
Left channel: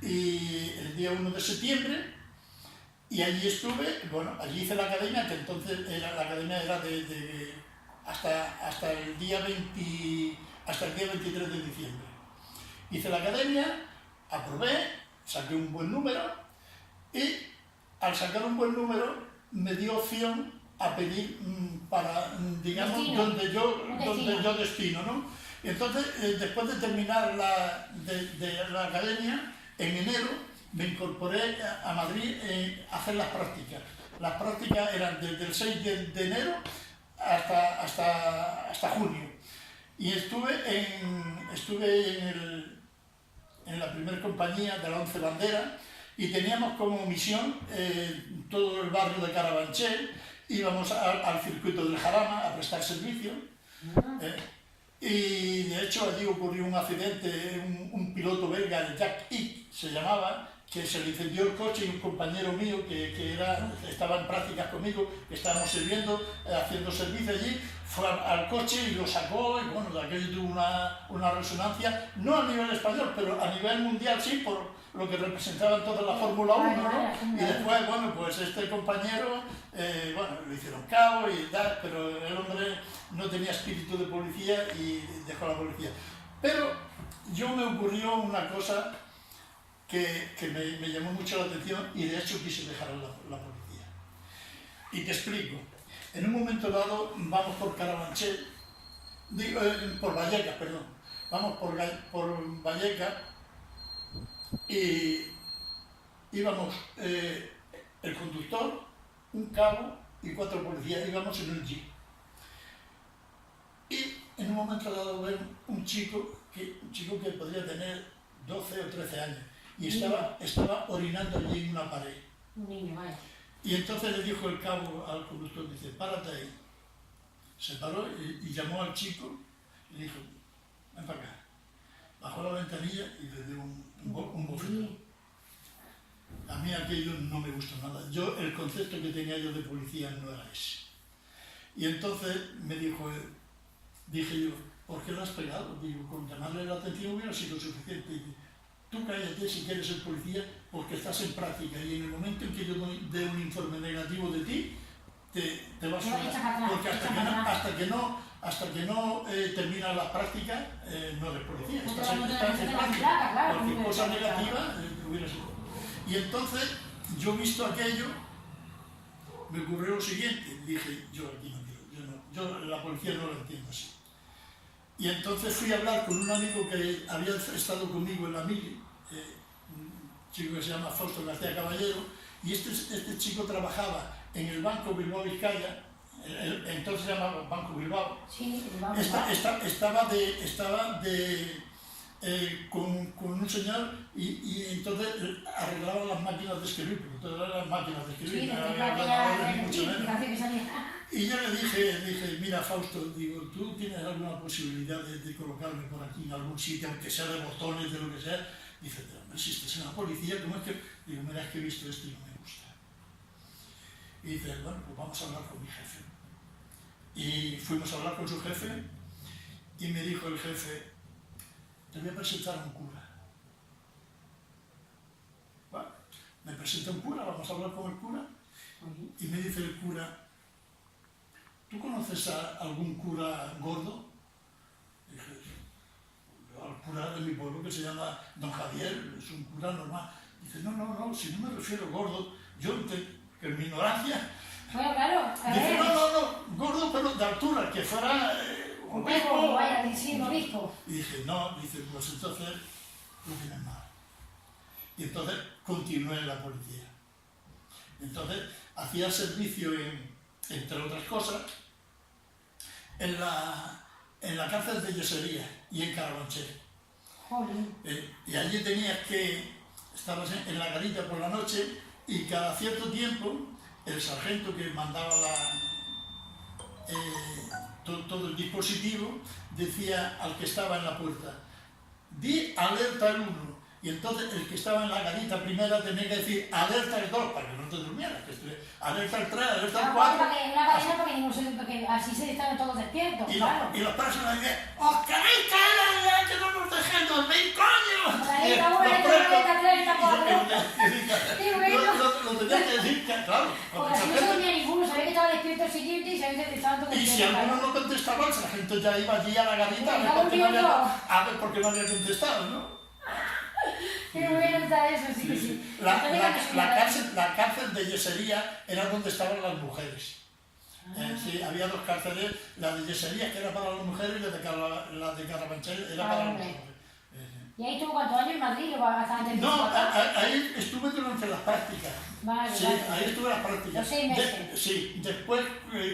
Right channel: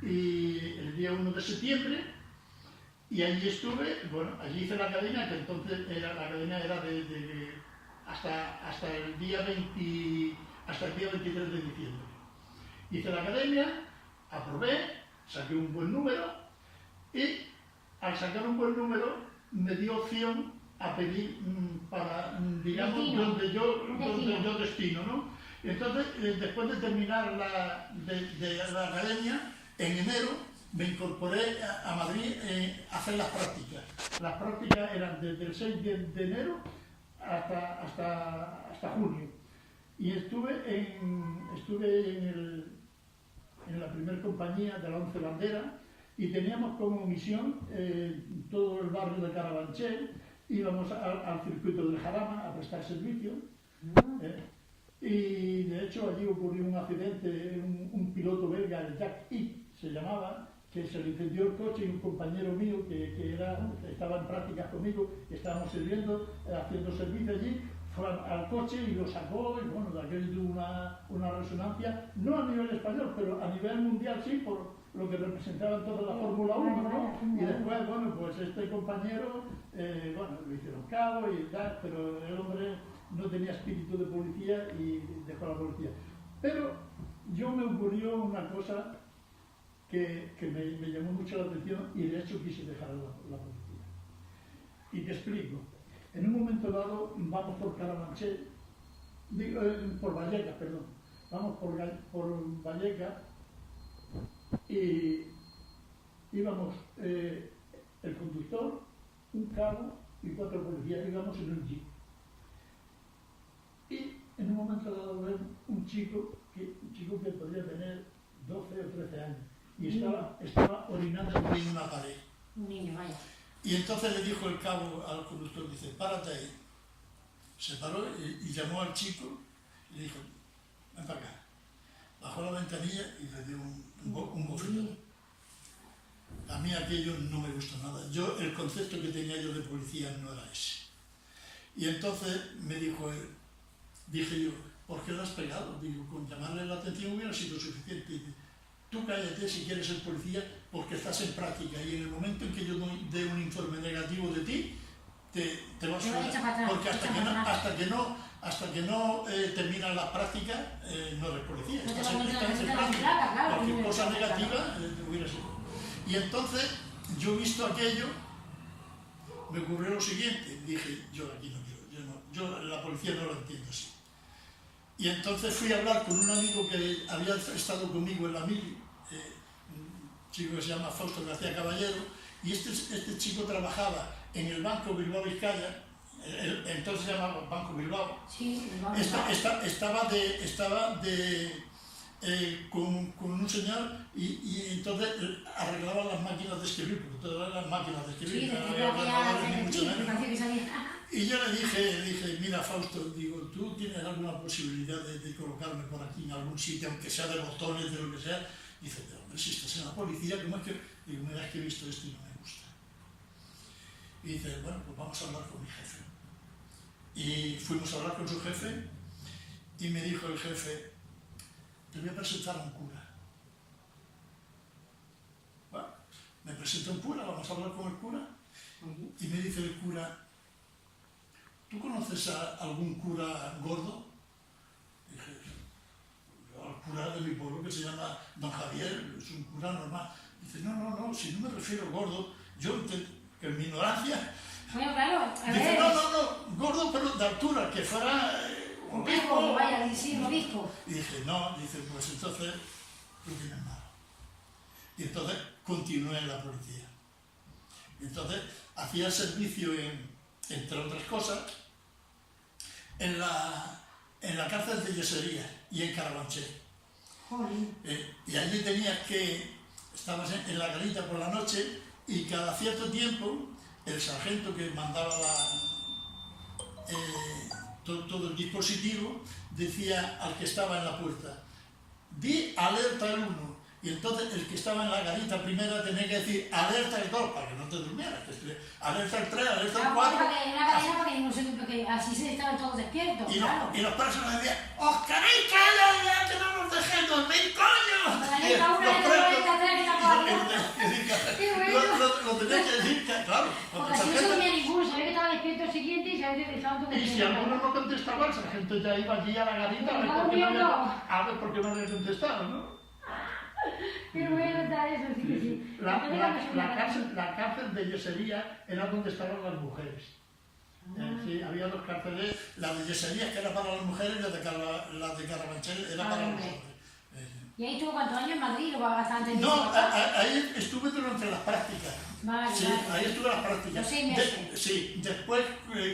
y el día 1 de septiembre, y allí estuve, bueno, allí hice la academia, que entonces la academia era hasta el día 23 de diciembre. Hice la academia, aprobé, saqué un buen número, y al sacar un buen número me dio opción a pedir para, digamos, donde yo destino, ¿no? Entonces, después de terminar la academia, en enero me incorporé a Madrid a hacer las prácticas. Las prácticas eran desde el 6 de enero hasta junio. Y estuve en la primera compañía de la 11 Bandera y teníamos como misión todo el barrio de Carabanchel. Íbamos al circuito del Jarama a prestar servicio. Y de hecho allí ocurrió un accidente, un piloto belga, el Jack Ick se llamaba, que se le incendió el coche, y un compañero mío que estaba en prácticas conmigo, que estábamos sirviendo, haciendo servicio allí, fue al coche y lo sacó, y bueno, de aquello tuvo una resonancia, no a nivel español, pero a nivel mundial sí, por lo que representaban toda la Fórmula 1, ¿no? Y después, bueno, pues este compañero, bueno, lo hicieron cabo y tal, pero el hombre no tenía espíritu de policía y dejó la policía. Pero yo me ocurrió una cosa que me llamó mucho la atención y de hecho quise dejar la policía. Y te explico. En un momento dado vamos por Carabanchel, por Vallecas, perdón. Vamos por Vallecas y íbamos el conductor, un cabo y 4 policías, íbamos en un jeep. Y en un momento dado ven un chico que podría tener 12 o 13 años y estaba orinando allí en una pared. Un niño, vaya. Y entonces le dijo el cabo al conductor, dice, párate ahí. Se paró y llamó al chico y le dijo, ven para acá. Bajó la ventanilla y le dio un bofetón. A mí aquello no me gustó nada. El concepto que tenía yo de policía no era ese. Y entonces me dijo, dije yo, ¿por qué lo has pegado? Digo, con llamarle la atención hubiera sido suficiente. Dice, tú cállate si quieres ser policía porque estás en práctica y en el momento en que yo dé un informe negativo de ti, te vas fuera. Porque hasta que no terminas la práctica, no eres policía. Estás en práctica. Cualquier cosa negativa hubiera sido. Y entonces, yo visto aquello, me ocurrió lo siguiente. Dije, yo aquí no quiero, yo la policía no la entiendo así. Y entonces fui a hablar con un amigo que había estado conmigo en la mili, un chico que se llama Fausto García Caballero, y este chico trabajaba en el Banco Bilbao Vizcaya, entonces se llamaba Banco Bilbao. Sí, Bilbao. Estaba con un señor y entonces arreglaban las máquinas de escribir, porque todas eran las máquinas de escribir, no había ordenadores ni mucho menos. Y yo le dije, mira Fausto, digo, ¿tú tienes alguna posibilidad de colocarme por aquí en algún sitio, aunque sea de botones, de lo que sea? Dice, pero hombre, si estás en la policía, ¿cómo es que...? Digo, mira, es que he visto esto y no me gusta. Y dice, bueno, pues vamos a hablar con mi jefe. Y fuimos a hablar con su jefe y me dijo el jefe, te voy a presentar a un cura. Bueno, me presenta un cura, vamos a hablar con el cura. Y me dice el cura, ¿tú conoces a algún cura gordo? Dije, al cura de mi pueblo que se llama Don Javier, es un cura normal. Dice, no, si no me refiero gordo, que en mi ignorancia... Bueno, claro, dice, no, gordo pero de altura, que fuera obispo. Vaya, sí, un obispo. Y dije, no, dice, pues entonces tú tienes mal. Y entonces continué en la policía. Entonces hacía servicio entre otras cosas, en la cárcel de Yesería y en Carabanchel. Y allí tenías estabas en la garita por la noche y cada cierto tiempo el sargento que mandaba todo el dispositivo decía al que estaba en la puerta, di alerta el 1. Y entonces el que estaba en la garita primera tenía que decir alerta el 2 para que no te durmieras, alerta el 3, alerta el 4. Una cadena para que ninguno se duerma, porque así se estaban todos despiertos. Y los presos decían, ¡os queréis caer ya que no nos dejen dormir, coño! Lo tenían que decir, claro. Porque así no se dormía ninguno, sabía que estaba despierto el siguiente y sabía que estaban todos despiertos. Y si alguno no contestaba, el sargento ya iba allí a la garita a ver por qué no había contestado, ¿no? Qué bueno está eso, sí. La cárcel de Yesería era donde estaban las mujeres. Sí, había 2 cárceles, la de Yesería que era para las mujeres y la de Carabanchel era para los hombres. ¿Y ahí estuvo cuántos años en Madrid o bastante? No, ahí estuve durante las prácticas. Vale, sí, ahí estuve las prácticas. Los 6 meses. Sí, después,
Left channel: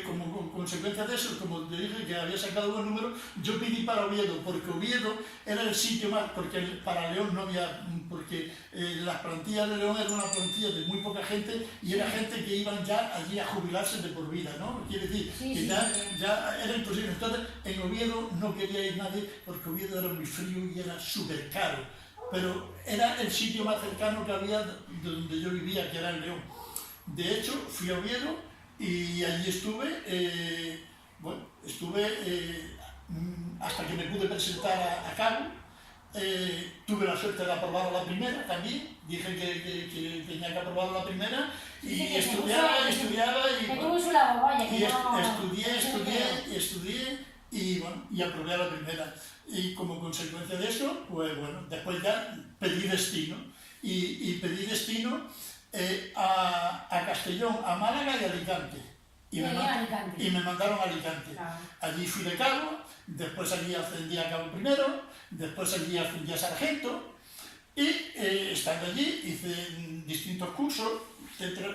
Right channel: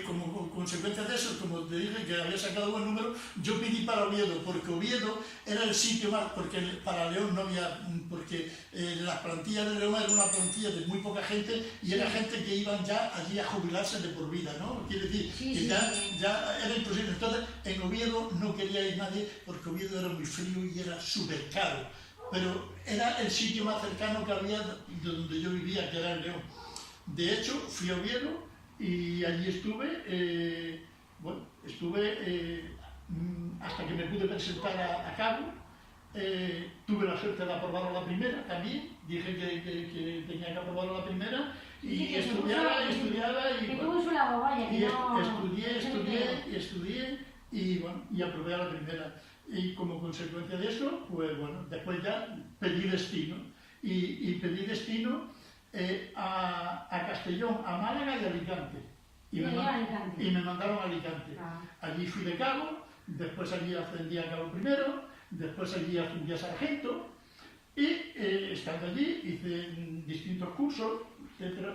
como consecuencia de eso, como te dije que había sacado buen número, yo pedí para Oviedo, porque Oviedo era el sitio más, porque para León no había, porque las plantillas de León era una plantilla de muy poca gente y era gente que iban ya allí a jubilarse de por vida, ¿no? Quiere decir que ya era imposible. Entonces, en Oviedo no quería ir nadie porque Oviedo era muy frío y era súper caro. Pero era el sitio más cercano que había de donde yo vivía, que era el León. De hecho, fui a Oviedo y allí estuve, hasta que me pude presentar a cabo. Tuve la suerte de aprobar la primera también, dije que tenía que aprobar la primera y estudiaba y aprobé a la primera. Y como consecuencia de eso, pues bueno, después ya pedí destino. Y pedí destino a Castellón, a Málaga y a Alicante. Y me mandaron a Alicante. Allí fui de cabo, después allí ascendí a cabo primero, después allí ascendí a sargento Y estando allí hice distintos cursos, etc.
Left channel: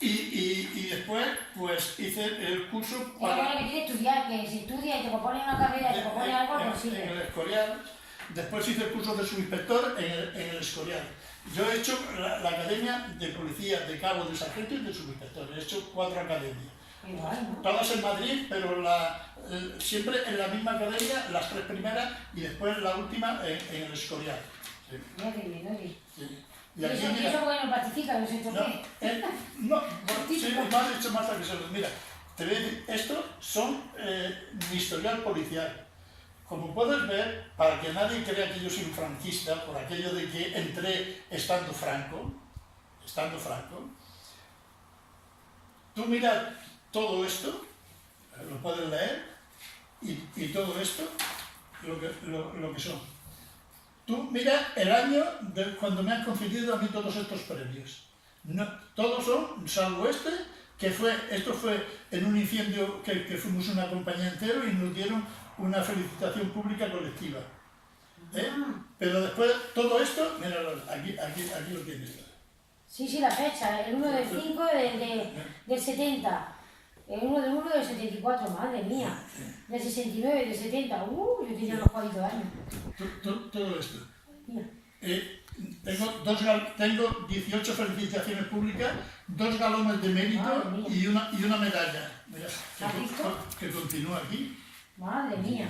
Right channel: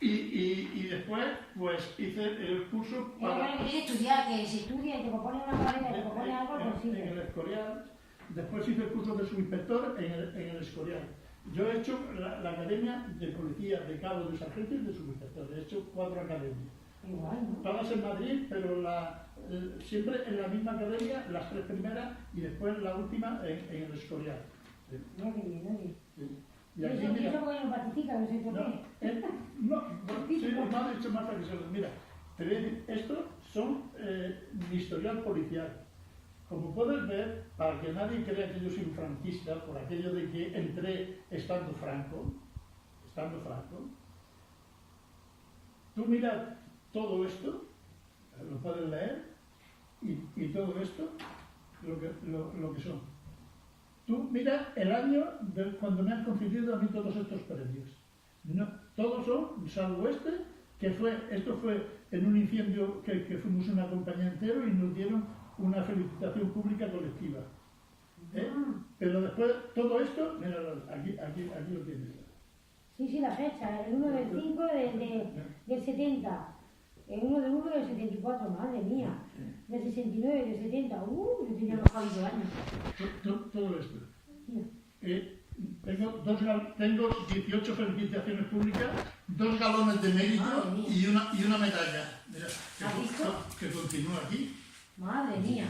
Y después pues hice el curso Y ahora que quiere estudiar, que se estudia y te propone una carrera, te propone algo, no en sirve. el Escorial. Después hice el curso de subinspector en el Escorial. Yo he hecho la academia de policía, de cabo, de sargento y de subinspector. He hecho 4 academias. Igual, ¿no? Todas en Madrid, pero siempre en la misma academia, las 3 primeras y después la última en el Escorial. Sí. Sí. Y aquí, ¿Y mira, eso porque no participa? ¿No sé yo no, qué? no, bueno, sí, me ha dicho Marta que se lo... Mira, te voy a decir, estos son mi historial policial. Como puedes ver, para que nadie crea que yo soy un franquista, por aquello de que entré estando franco, tú mira todo esto, lo puedes leer, y todo esto, lo que son. Tú mira el año de cuando me han concedido a mí todos estos premios. No, todos son, salvo esto fue en un incendio que fuimos una compañía entera y nos dieron una felicitación pública colectiva. Pero después, todo esto, míralo, aquí lo tienes. Sí, la fecha, el 1 del 5 del 70, el 1 del 1 del 74, madre mía, del 69, del 70, yo tenía unos jodidos años. Todo esto. Mira. Tengo 18 felicitaciones públicas, 2 galones de mérito y una medalla. Mira, que continúa aquí. Madre mía.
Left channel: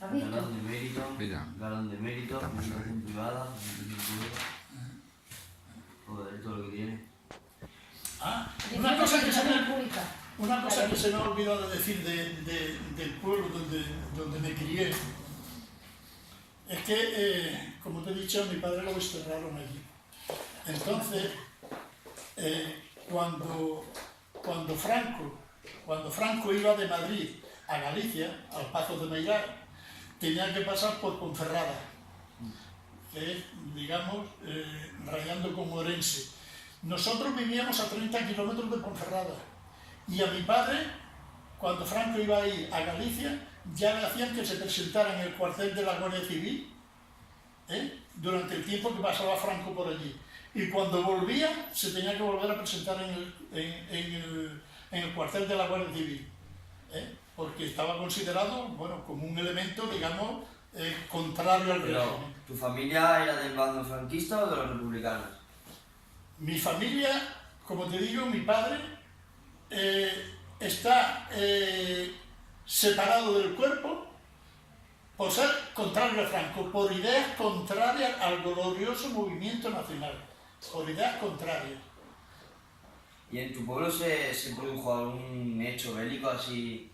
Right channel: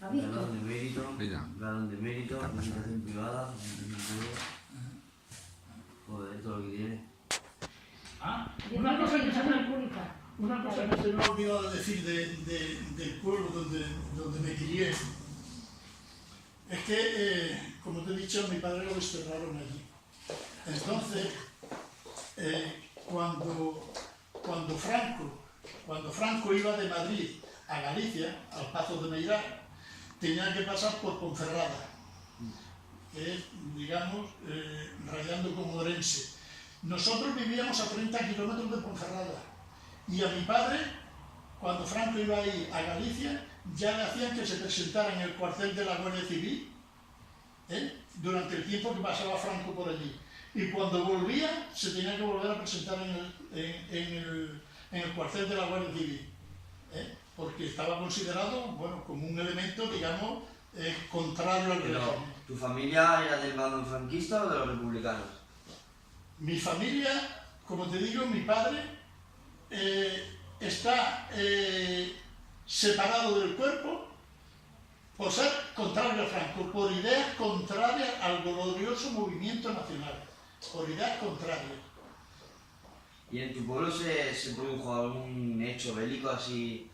¿Has visto? Galón de mérito, Mira. galón de mérito, Está pasado, felicitación privada, felicitación pública. Joder, todo lo que tiene. Una cosa que se me pública. ha olvidado de decir del pueblo donde me crié es que, como te he dicho, mi padre lo desterraron allí. Entonces, cuando Franco iba de Madrid a Galicia, al Pazo de Meirás, tenía que pasar por Ponferrada, que es, digamos, rayando con Orense. Nosotros vivíamos a 30 kilómetros de Ponferrada y a mi padre, cuando Franco iba a ir a Galicia, ya le hacían que se presentara en el cuartel de la Guardia Civil durante el tiempo que pasaba Franco por allí. Y cuando volvía, se tenía que volver a presentar en el cuartel de la Guardia Civil, porque estaba considerado, bueno, como un elemento, digamos, contrario al Pero, régimen. ¿tu familia era del bando franquista o de los republicanos? Mi familia, como te digo, mi padre está separado del cuerpo por ser contrario a Franco, por ideas contrarias al glorioso movimiento nacional, por ideas contrarias. ¿Y en tu pueblo se produjo algún hecho bélico así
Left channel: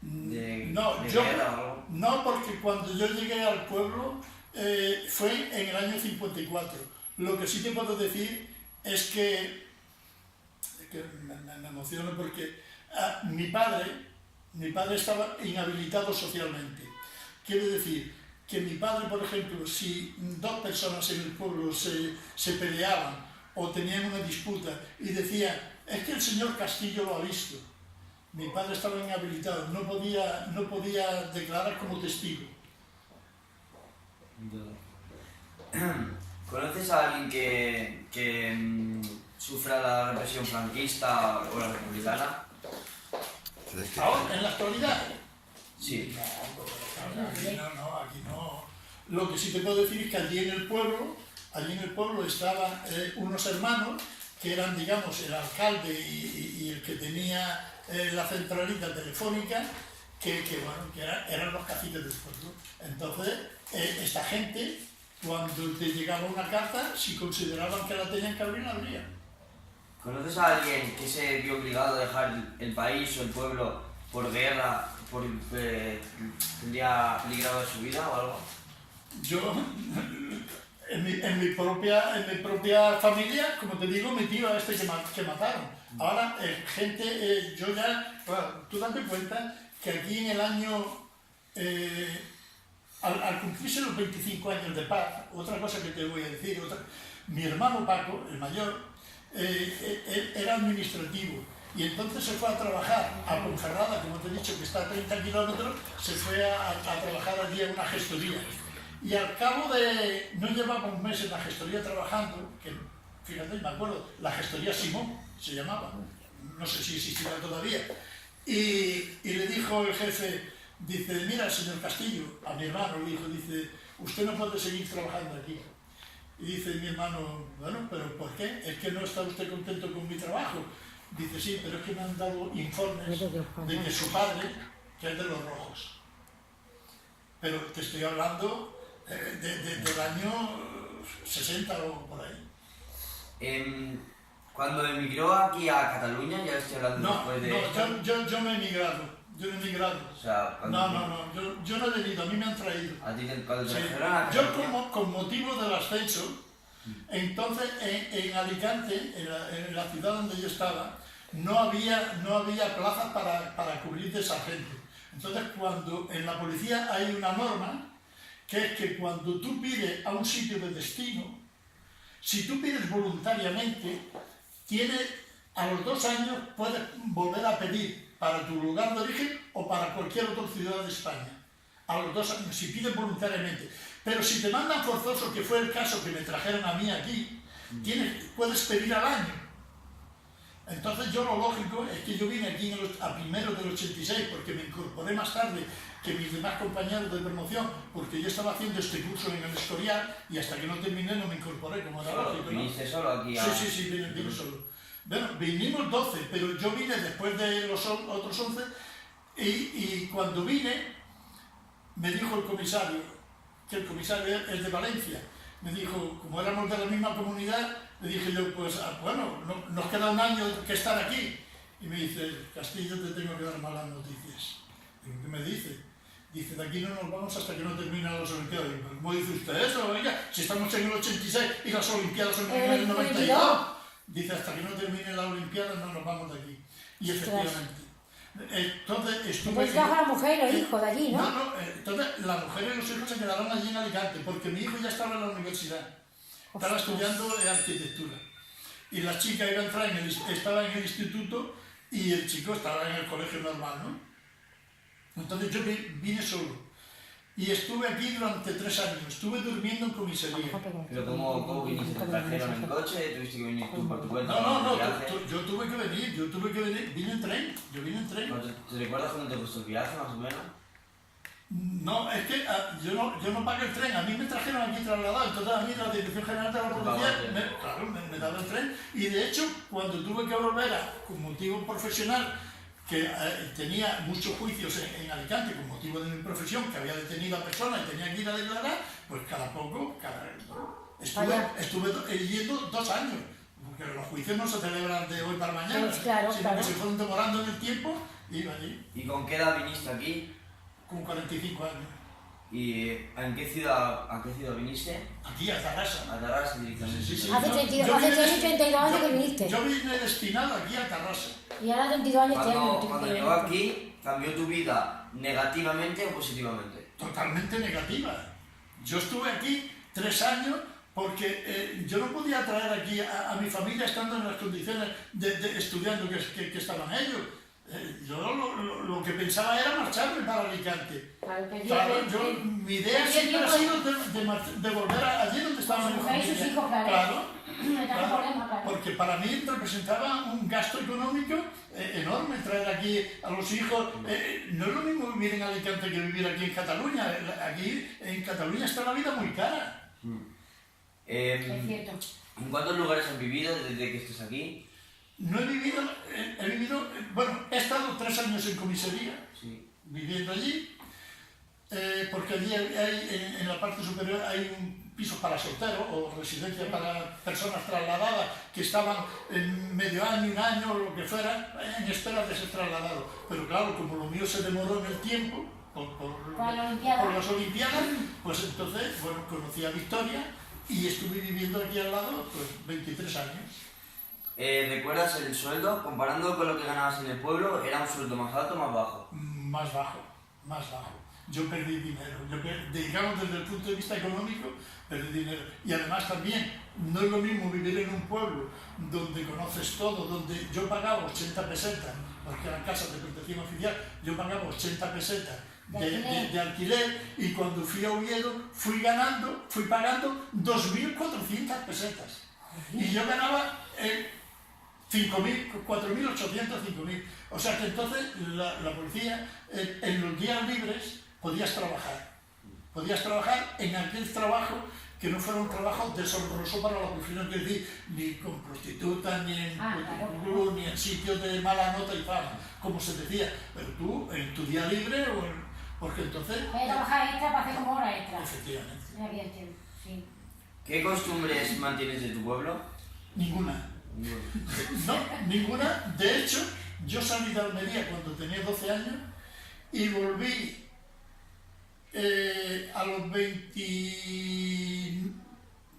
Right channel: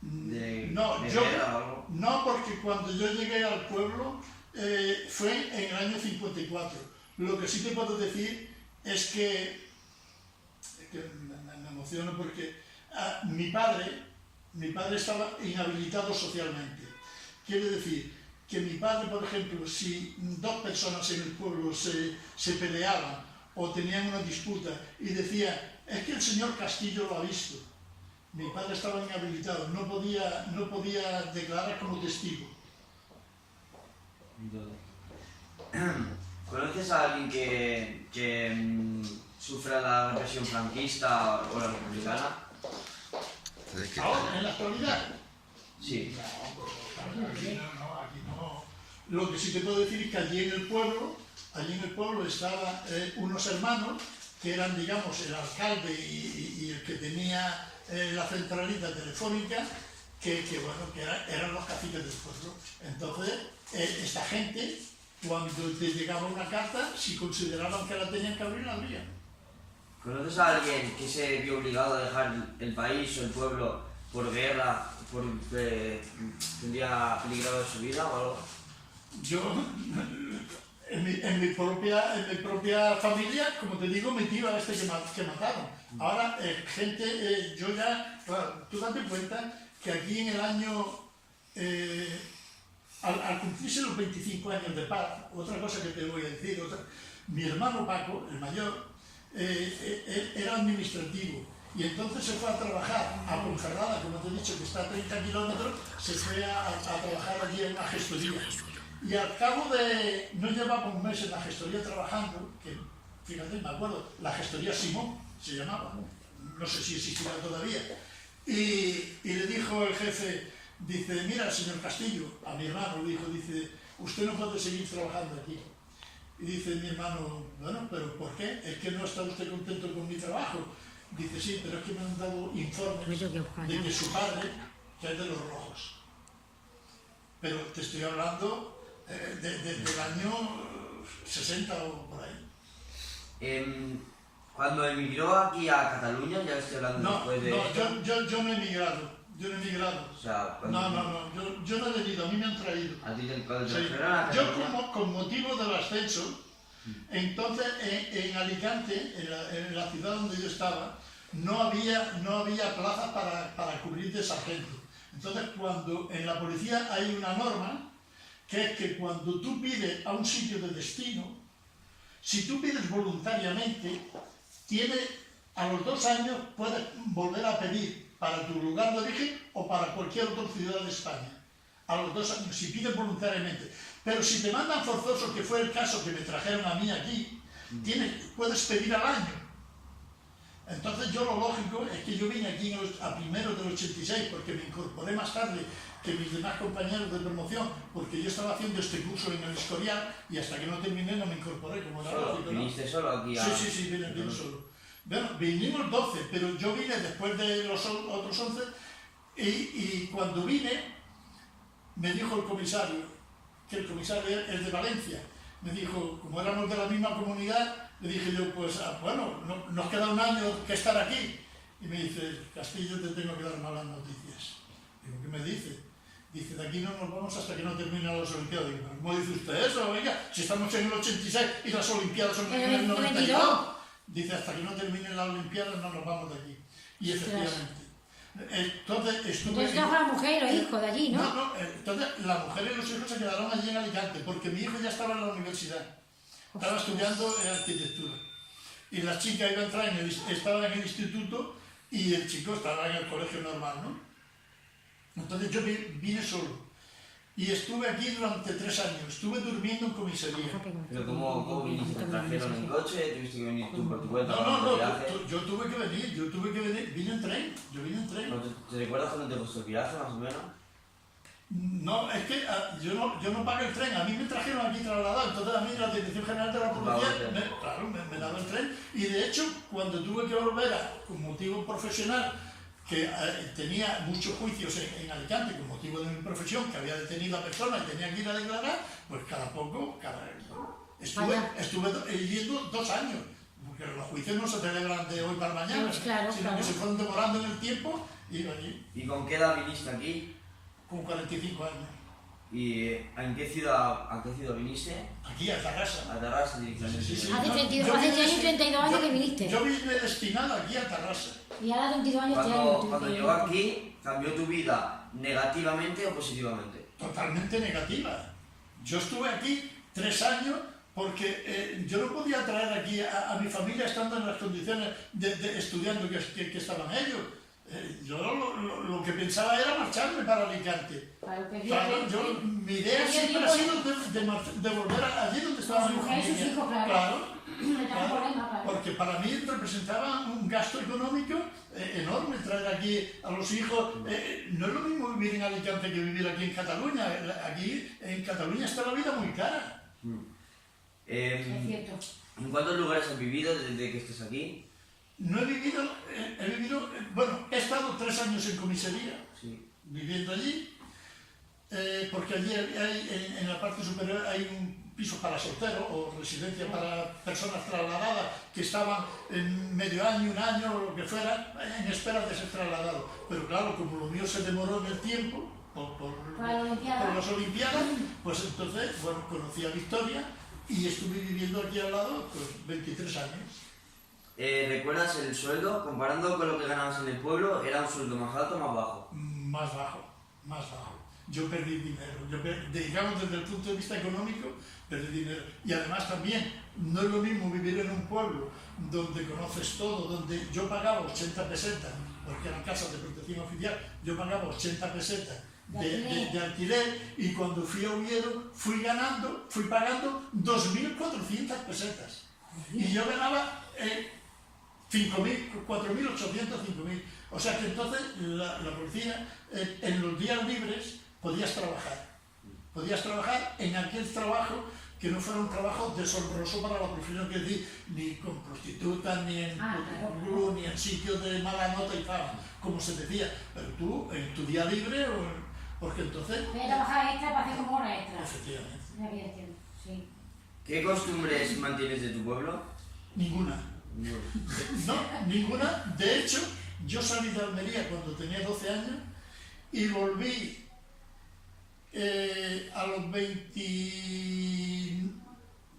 de guerra o algo? No, porque cuando yo llegué al pueblo fue en el año 54. Lo que sí te puedo decir es que me emociono porque mi padre estaba inhabilitado socialmente. Quiere decir que mi padre, por ejemplo, si 2 personas en el pueblo se peleaban o tenían una disputa y decían, es que el señor Castillo lo ha visto, mi padre estaba inhabilitado, no podía declarar como testigo. ¿Conoces a alguien que sufra la represión franquista o la republicana? Ahora, en la actualidad, Sí. aquí no. Lo que sí te puedo decir es que allí en el pueblo estaban unos hermanos que eran, digamos, el alcalde y el que tenía la centralita telefónica, que eran los caciques del pueblo. Entonces, esta gente, cuando te llegaba una carta, si consideraban que la tenían que abrir, la abrían. ¿Conoces a alguien que se vio obligado a dejar el país o el pueblo por guerra, tendría peligrado su vida o algo? Yo, en mi propia familia, como te digo, mi tío a que mataron. Ahora, yo ya, claro, tú date cuenta que aquí en el año, al cumplirse los 25 años de paz, otra cosa que te voy a decir, mi hermano Paco, el mayor, era administrativo Y entonces se fue a trabajar a Ponferrada, como te he dicho, que está a 30 kilómetros, se fue a trabajar allí en una gestoría. Y al cabo de, no llevaba un mes en la gestoría trabajando, que fíjate, me acuerdo, la gestoría Simón se llamaba, no sé si existirá todavía, y le dijo el jefe, dice, mira, el señor Castillo, a mi hermano le dijo, dice, usted no puede seguir trabajando aquí. Y dice mi hermano, bueno, pero ¿por qué? ¿Es que no está usted contento con mi trabajo? Dice, sí, pero es que me han dado informes de que su padre, que es de los Rojos. Pero te estoy hablando del año 60 o por ahí. Cuando emigró aquí a Cataluña, ya estoy hablando después de... No, yo no he emigrado. Yo no he emigrado. O sea, yo no he venido, a mí me han traído. ¿A ti cuando te Sí. Yo con motivo del ascenso, entonces en Alicante, en la ciudad donde yo estaba, no había plazas para cubrir de sargento. Entonces cuando en la policía hay una norma, que es que cuando tú pides a un sitio de destino, si tú pides voluntariamente, a los 2 años puedes volver a pedir para tu lugar de origen o para cualquier otra ciudad de España. A los 2 años, si pides voluntariamente. Pero si te mandan forzoso, que fue el caso que me trajeron a mí aquí, puedes pedir al año. Entonces yo lo lógico es que yo vine aquí a primeros del 86, porque me incorporé más tarde que mis demás compañeros de promoción, porque yo estaba haciendo este curso en el Escorial y hasta que no terminé no me incorporé, como era lógico, ¿no? ¿Viniste solo aquí a...? Sí, vine solo. Bueno, vinimos 12, pero yo vine después de los otros 11 y cuando vine me dijo el comisario, que el comisario es de Valencia, me dijo, como éramos de la misma comunidad, le dije yo, pues bueno, nos queda un año que estar aquí. Y me dice, Castillo, te tengo que dar malas noticias. Digo, ¿qué me dice? Dice, de aquí no nos vamos hasta que no terminen las Olimpiadas. Digo, ¿cómo dice usted eso? Oiga, si estamos en el 86 y las Olimpiadas son en el 92. Dice, hasta que no terminen las Olimpiadas no nos vamos de aquí. Y efectivamente. Entonces estuve... Entonces la mujer y los hijos de allí, ¿no? No, entonces la mujer y los hijos se quedaron allí en Alicante, porque mi hijo ya estaba en la universidad. Estaba estudiando en arquitectura. Y la chica iba a entrar estaba en el instituto y el chico estaba en el colegio normal, ¿no? Entonces yo vine solo. Y estuve aquí durante 3 años. Estuve durmiendo en comisaría. ¿Pero cómo viniste? ¿Te trajeron en coche? ¿Tuviste que venir tú por tu cuenta? No, yo tuve que venir. Vine en tren. Yo vine en tren. ¿Te recuerdas cuándo te costó el viaje, más o menos? No, es que yo no pagué el tren, a mí me trajeron aquí trasladado, entonces a mí la Dirección General de la Policía me daba el tren y de hecho cuando tuve que volver con motivo profesional, que tenía muchos juicios en Alicante con motivo de mi profesión, que había detenido a personas y tenía que ir a declarar, pues estuve yendo 2 años, porque los juicios no se celebran de hoy para mañana, pues claro, sino que se fueron demorando en el tiempo y iba allí. ¿Y con qué edad viniste aquí? Con 45 años. ¿Y en qué ciudad viniste? Aquí, a Tarrasa. A Tarrasa directamente. Sí. Hace 32 años que viniste. Yo vine destinado aquí a Tarrasa. Y ahora 32 años te años. Cuando llegó aquí, ¿cambió tu vida negativamente o positivamente? Totalmente negativa. Yo estuve aquí 3 años porque yo no podía traer aquí a mi familia estando en las condiciones de estudiando que estaban ellos. Yo lo que pensaba era marcharme para Alicante. Claro, mi idea siempre ha sido de volver allí donde estaban mis familia. Sus hijos, claro. Porque para mí representaba un gasto económico enorme traer aquí a los hijos. No es lo mismo vivir en Alicante que vivir aquí en Cataluña. Aquí en Cataluña está la vida muy cara. Es cierto. ¿En cuántos lugares has vivido desde que estés aquí? No he vivido, bueno, he estado 3 años en comisaría, viviendo allí, porque allí en la parte superior hay un piso para solteros o residencia para personas trasladadas que estaban en medio año, 1 año o lo que fuera, en espera de ser trasladados. Pero claro, como lo mío se demoró en el tiempo, por las Olimpiadas, pues entonces, bueno, conocí a Victoria y estuve viviendo aquí al lado, pues 23 años. ¿Recuerdas el sueldo? Comparando con lo que ganabas en el pueblo, ¿era un sueldo más alto o más bajo? Más bajo. más bajo. Yo perdí dinero, digamos desde el punto de vista económico, perdí dinero. Y además también, no es lo mismo vivir en un pueblo donde conoces todo, donde yo pagaba 80 pesetas, porque eran casas de protección oficial, yo pagaba 80 pesetas de alquiler, y cuando fui a Oviedo fui pagando 2.400 pesetas. Y yo ganaba 5.000, 4.800, 5.000. O sea que entonces la policía, en los días libres, podías trabajar en aquel trabajo que no fuera un trabajo deshonroso para la profesión, que decir, ni con prostitutas, ni en ni en sitios de mala nota y fama, como se decía. Pero tú, en tu día libre, porque entonces... Puedes trabajar extra para hacer como hora extra. Efectivamente. Sí. ¿Qué costumbres mantienes de tu pueblo? Ninguna. No, ninguna. De hecho, yo salí de Almería cuando tenía 12 años y volví a los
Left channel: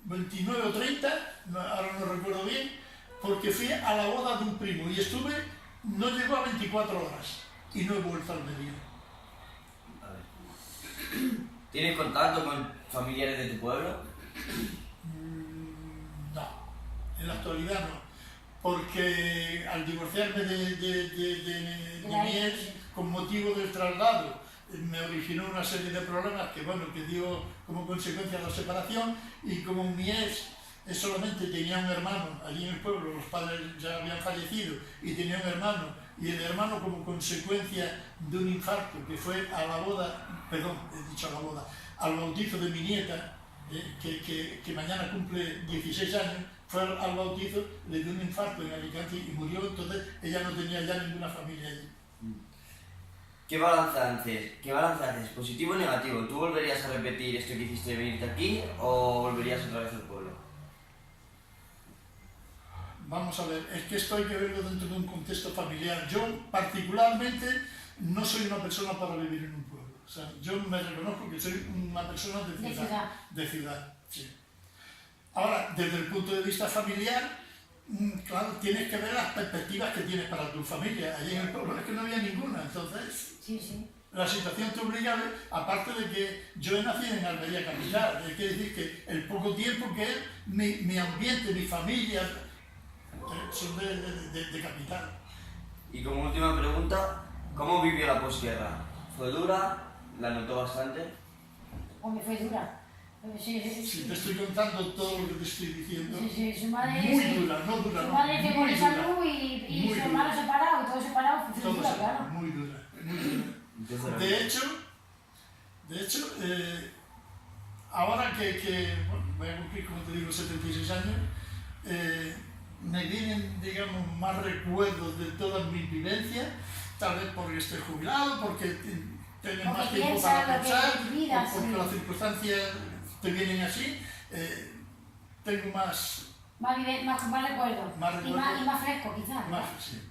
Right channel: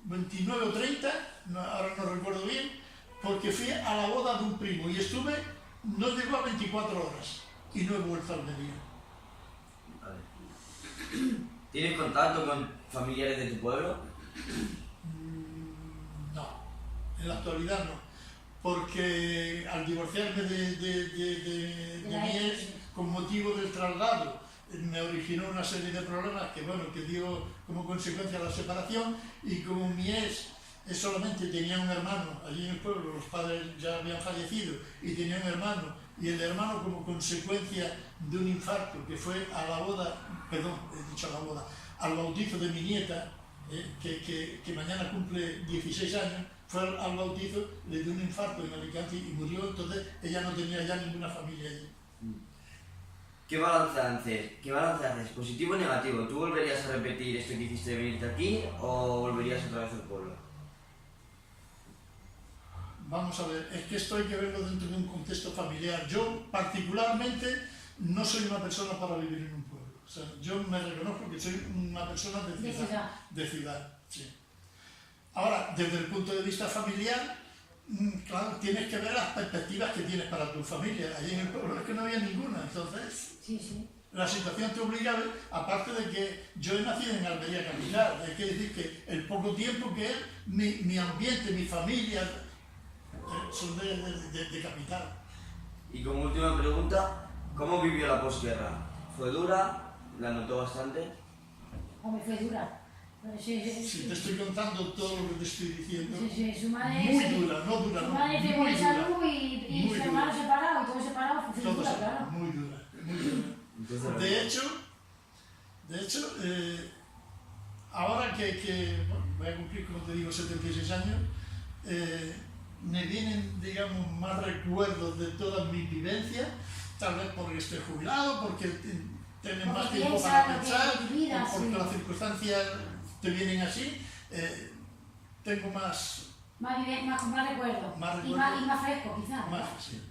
29 o 30, ahora no recuerdo bien, porque fui a la boda de un primo y no llegó a 24 horas y no he vuelto a Almería. Vale. ¿Tienes contacto con familiares de tu pueblo? No, en la actualidad no, porque al divorciarme de mi ex con motivo del traslado, me originó una serie de problemas que dio como consecuencia la separación, y como mi ex solamente tenía un hermano allí en el pueblo, los padres ya habían fallecido y tenía un hermano, y el hermano, como consecuencia de un infarto que fue a la boda, al bautizo de mi nieta, que mañana cumple 16 años, fue al bautizo, le dio un infarto en Alicante y murió. Entonces ella no tenía ya ninguna familia allí. ¿Qué balance haces? ¿Positivo o negativo? ¿Tú volverías a repetir esto que hiciste de venirte aquí o volverías otra vez al pueblo? Vamos a ver, es que esto hay que verlo dentro de un contexto familiar. Yo particularmente no soy una persona para vivir en un pueblo. O sea, yo me reconozco que soy una persona de ciudad. Sí. Ahora, desde el punto de vista familiar, claro, tienes que ver las perspectivas que tienes para tu familia. Allí en el pueblo es que no había ninguna, entonces la situación te obliga, aparte de que yo he nacido en Almería capital, hay que decir que el poco tiempo que es, mi ambiente, mi familia, son de capital. Y como última pregunta, ¿cómo vivió la posguerra? ¿Fue dura? ¿La notó bastante? Hombre, fue dura. Si te estoy contando todo lo que te estoy diciendo, su madre, muy dura, no dura, su madre fue muy con salud y su hermano separado, y todo separado, fue dura, claro. Muy dura, muy dura. De hecho, ahora que voy a cumplir, como te digo, 76 años, me vienen, digamos, más recuerdos de todas mis vivencias, tal vez porque estoy jubilado, porque tengo más tiempo para pensar, porque las circunstancias te vienen así, tengo más recuerdos. Y más fresco, quizás. Sí.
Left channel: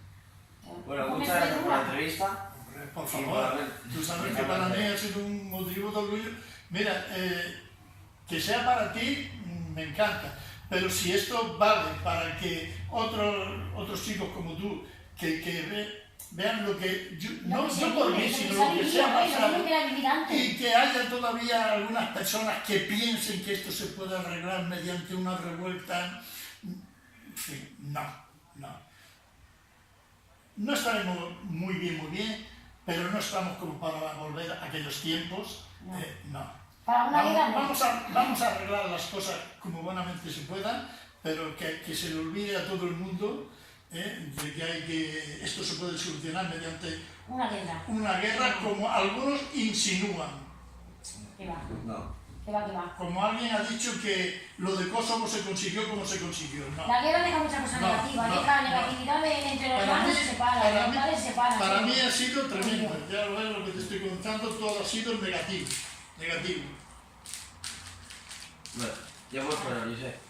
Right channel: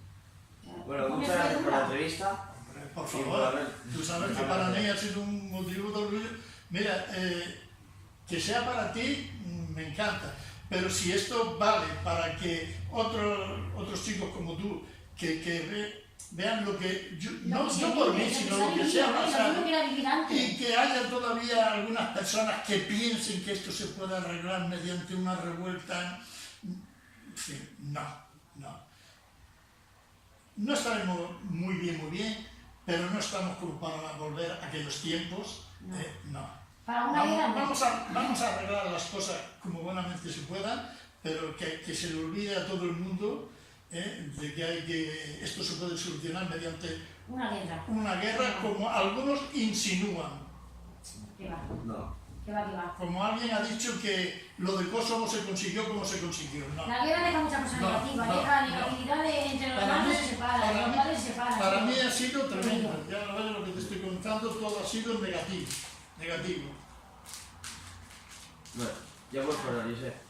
Bueno, muchas gracias por la entrevista. Por favor, tú sabes que para mí ha sido un motivo de orgullo. Mira, que sea para ti, me encanta, pero si esto vale para que otros chicos como tú, que vean lo que no por mí, sino lo que se ha pasado, y que haya todavía algunas personas que piensen que esto se puede arreglar mediante una revuelta, sí, no estaremos muy bien, pero no estamos como para volver a aquellos tiempos, no. Vamos a arreglar las cosas como buenamente se puedan, pero que se le olvide a todo el mundo de que esto se puede solucionar mediante una guerra, como algunos insinúan. Como alguien ha dicho que lo de Kosovo se consiguió como se consiguió. No. La guerra deja mucha cosa negativa, deja negatividad entre los hermanos, se separa. Para mí ha sido tremendo. Ya lo que te estoy contando, todo ha sido negativo. Bueno, ya puedes parar, Josep.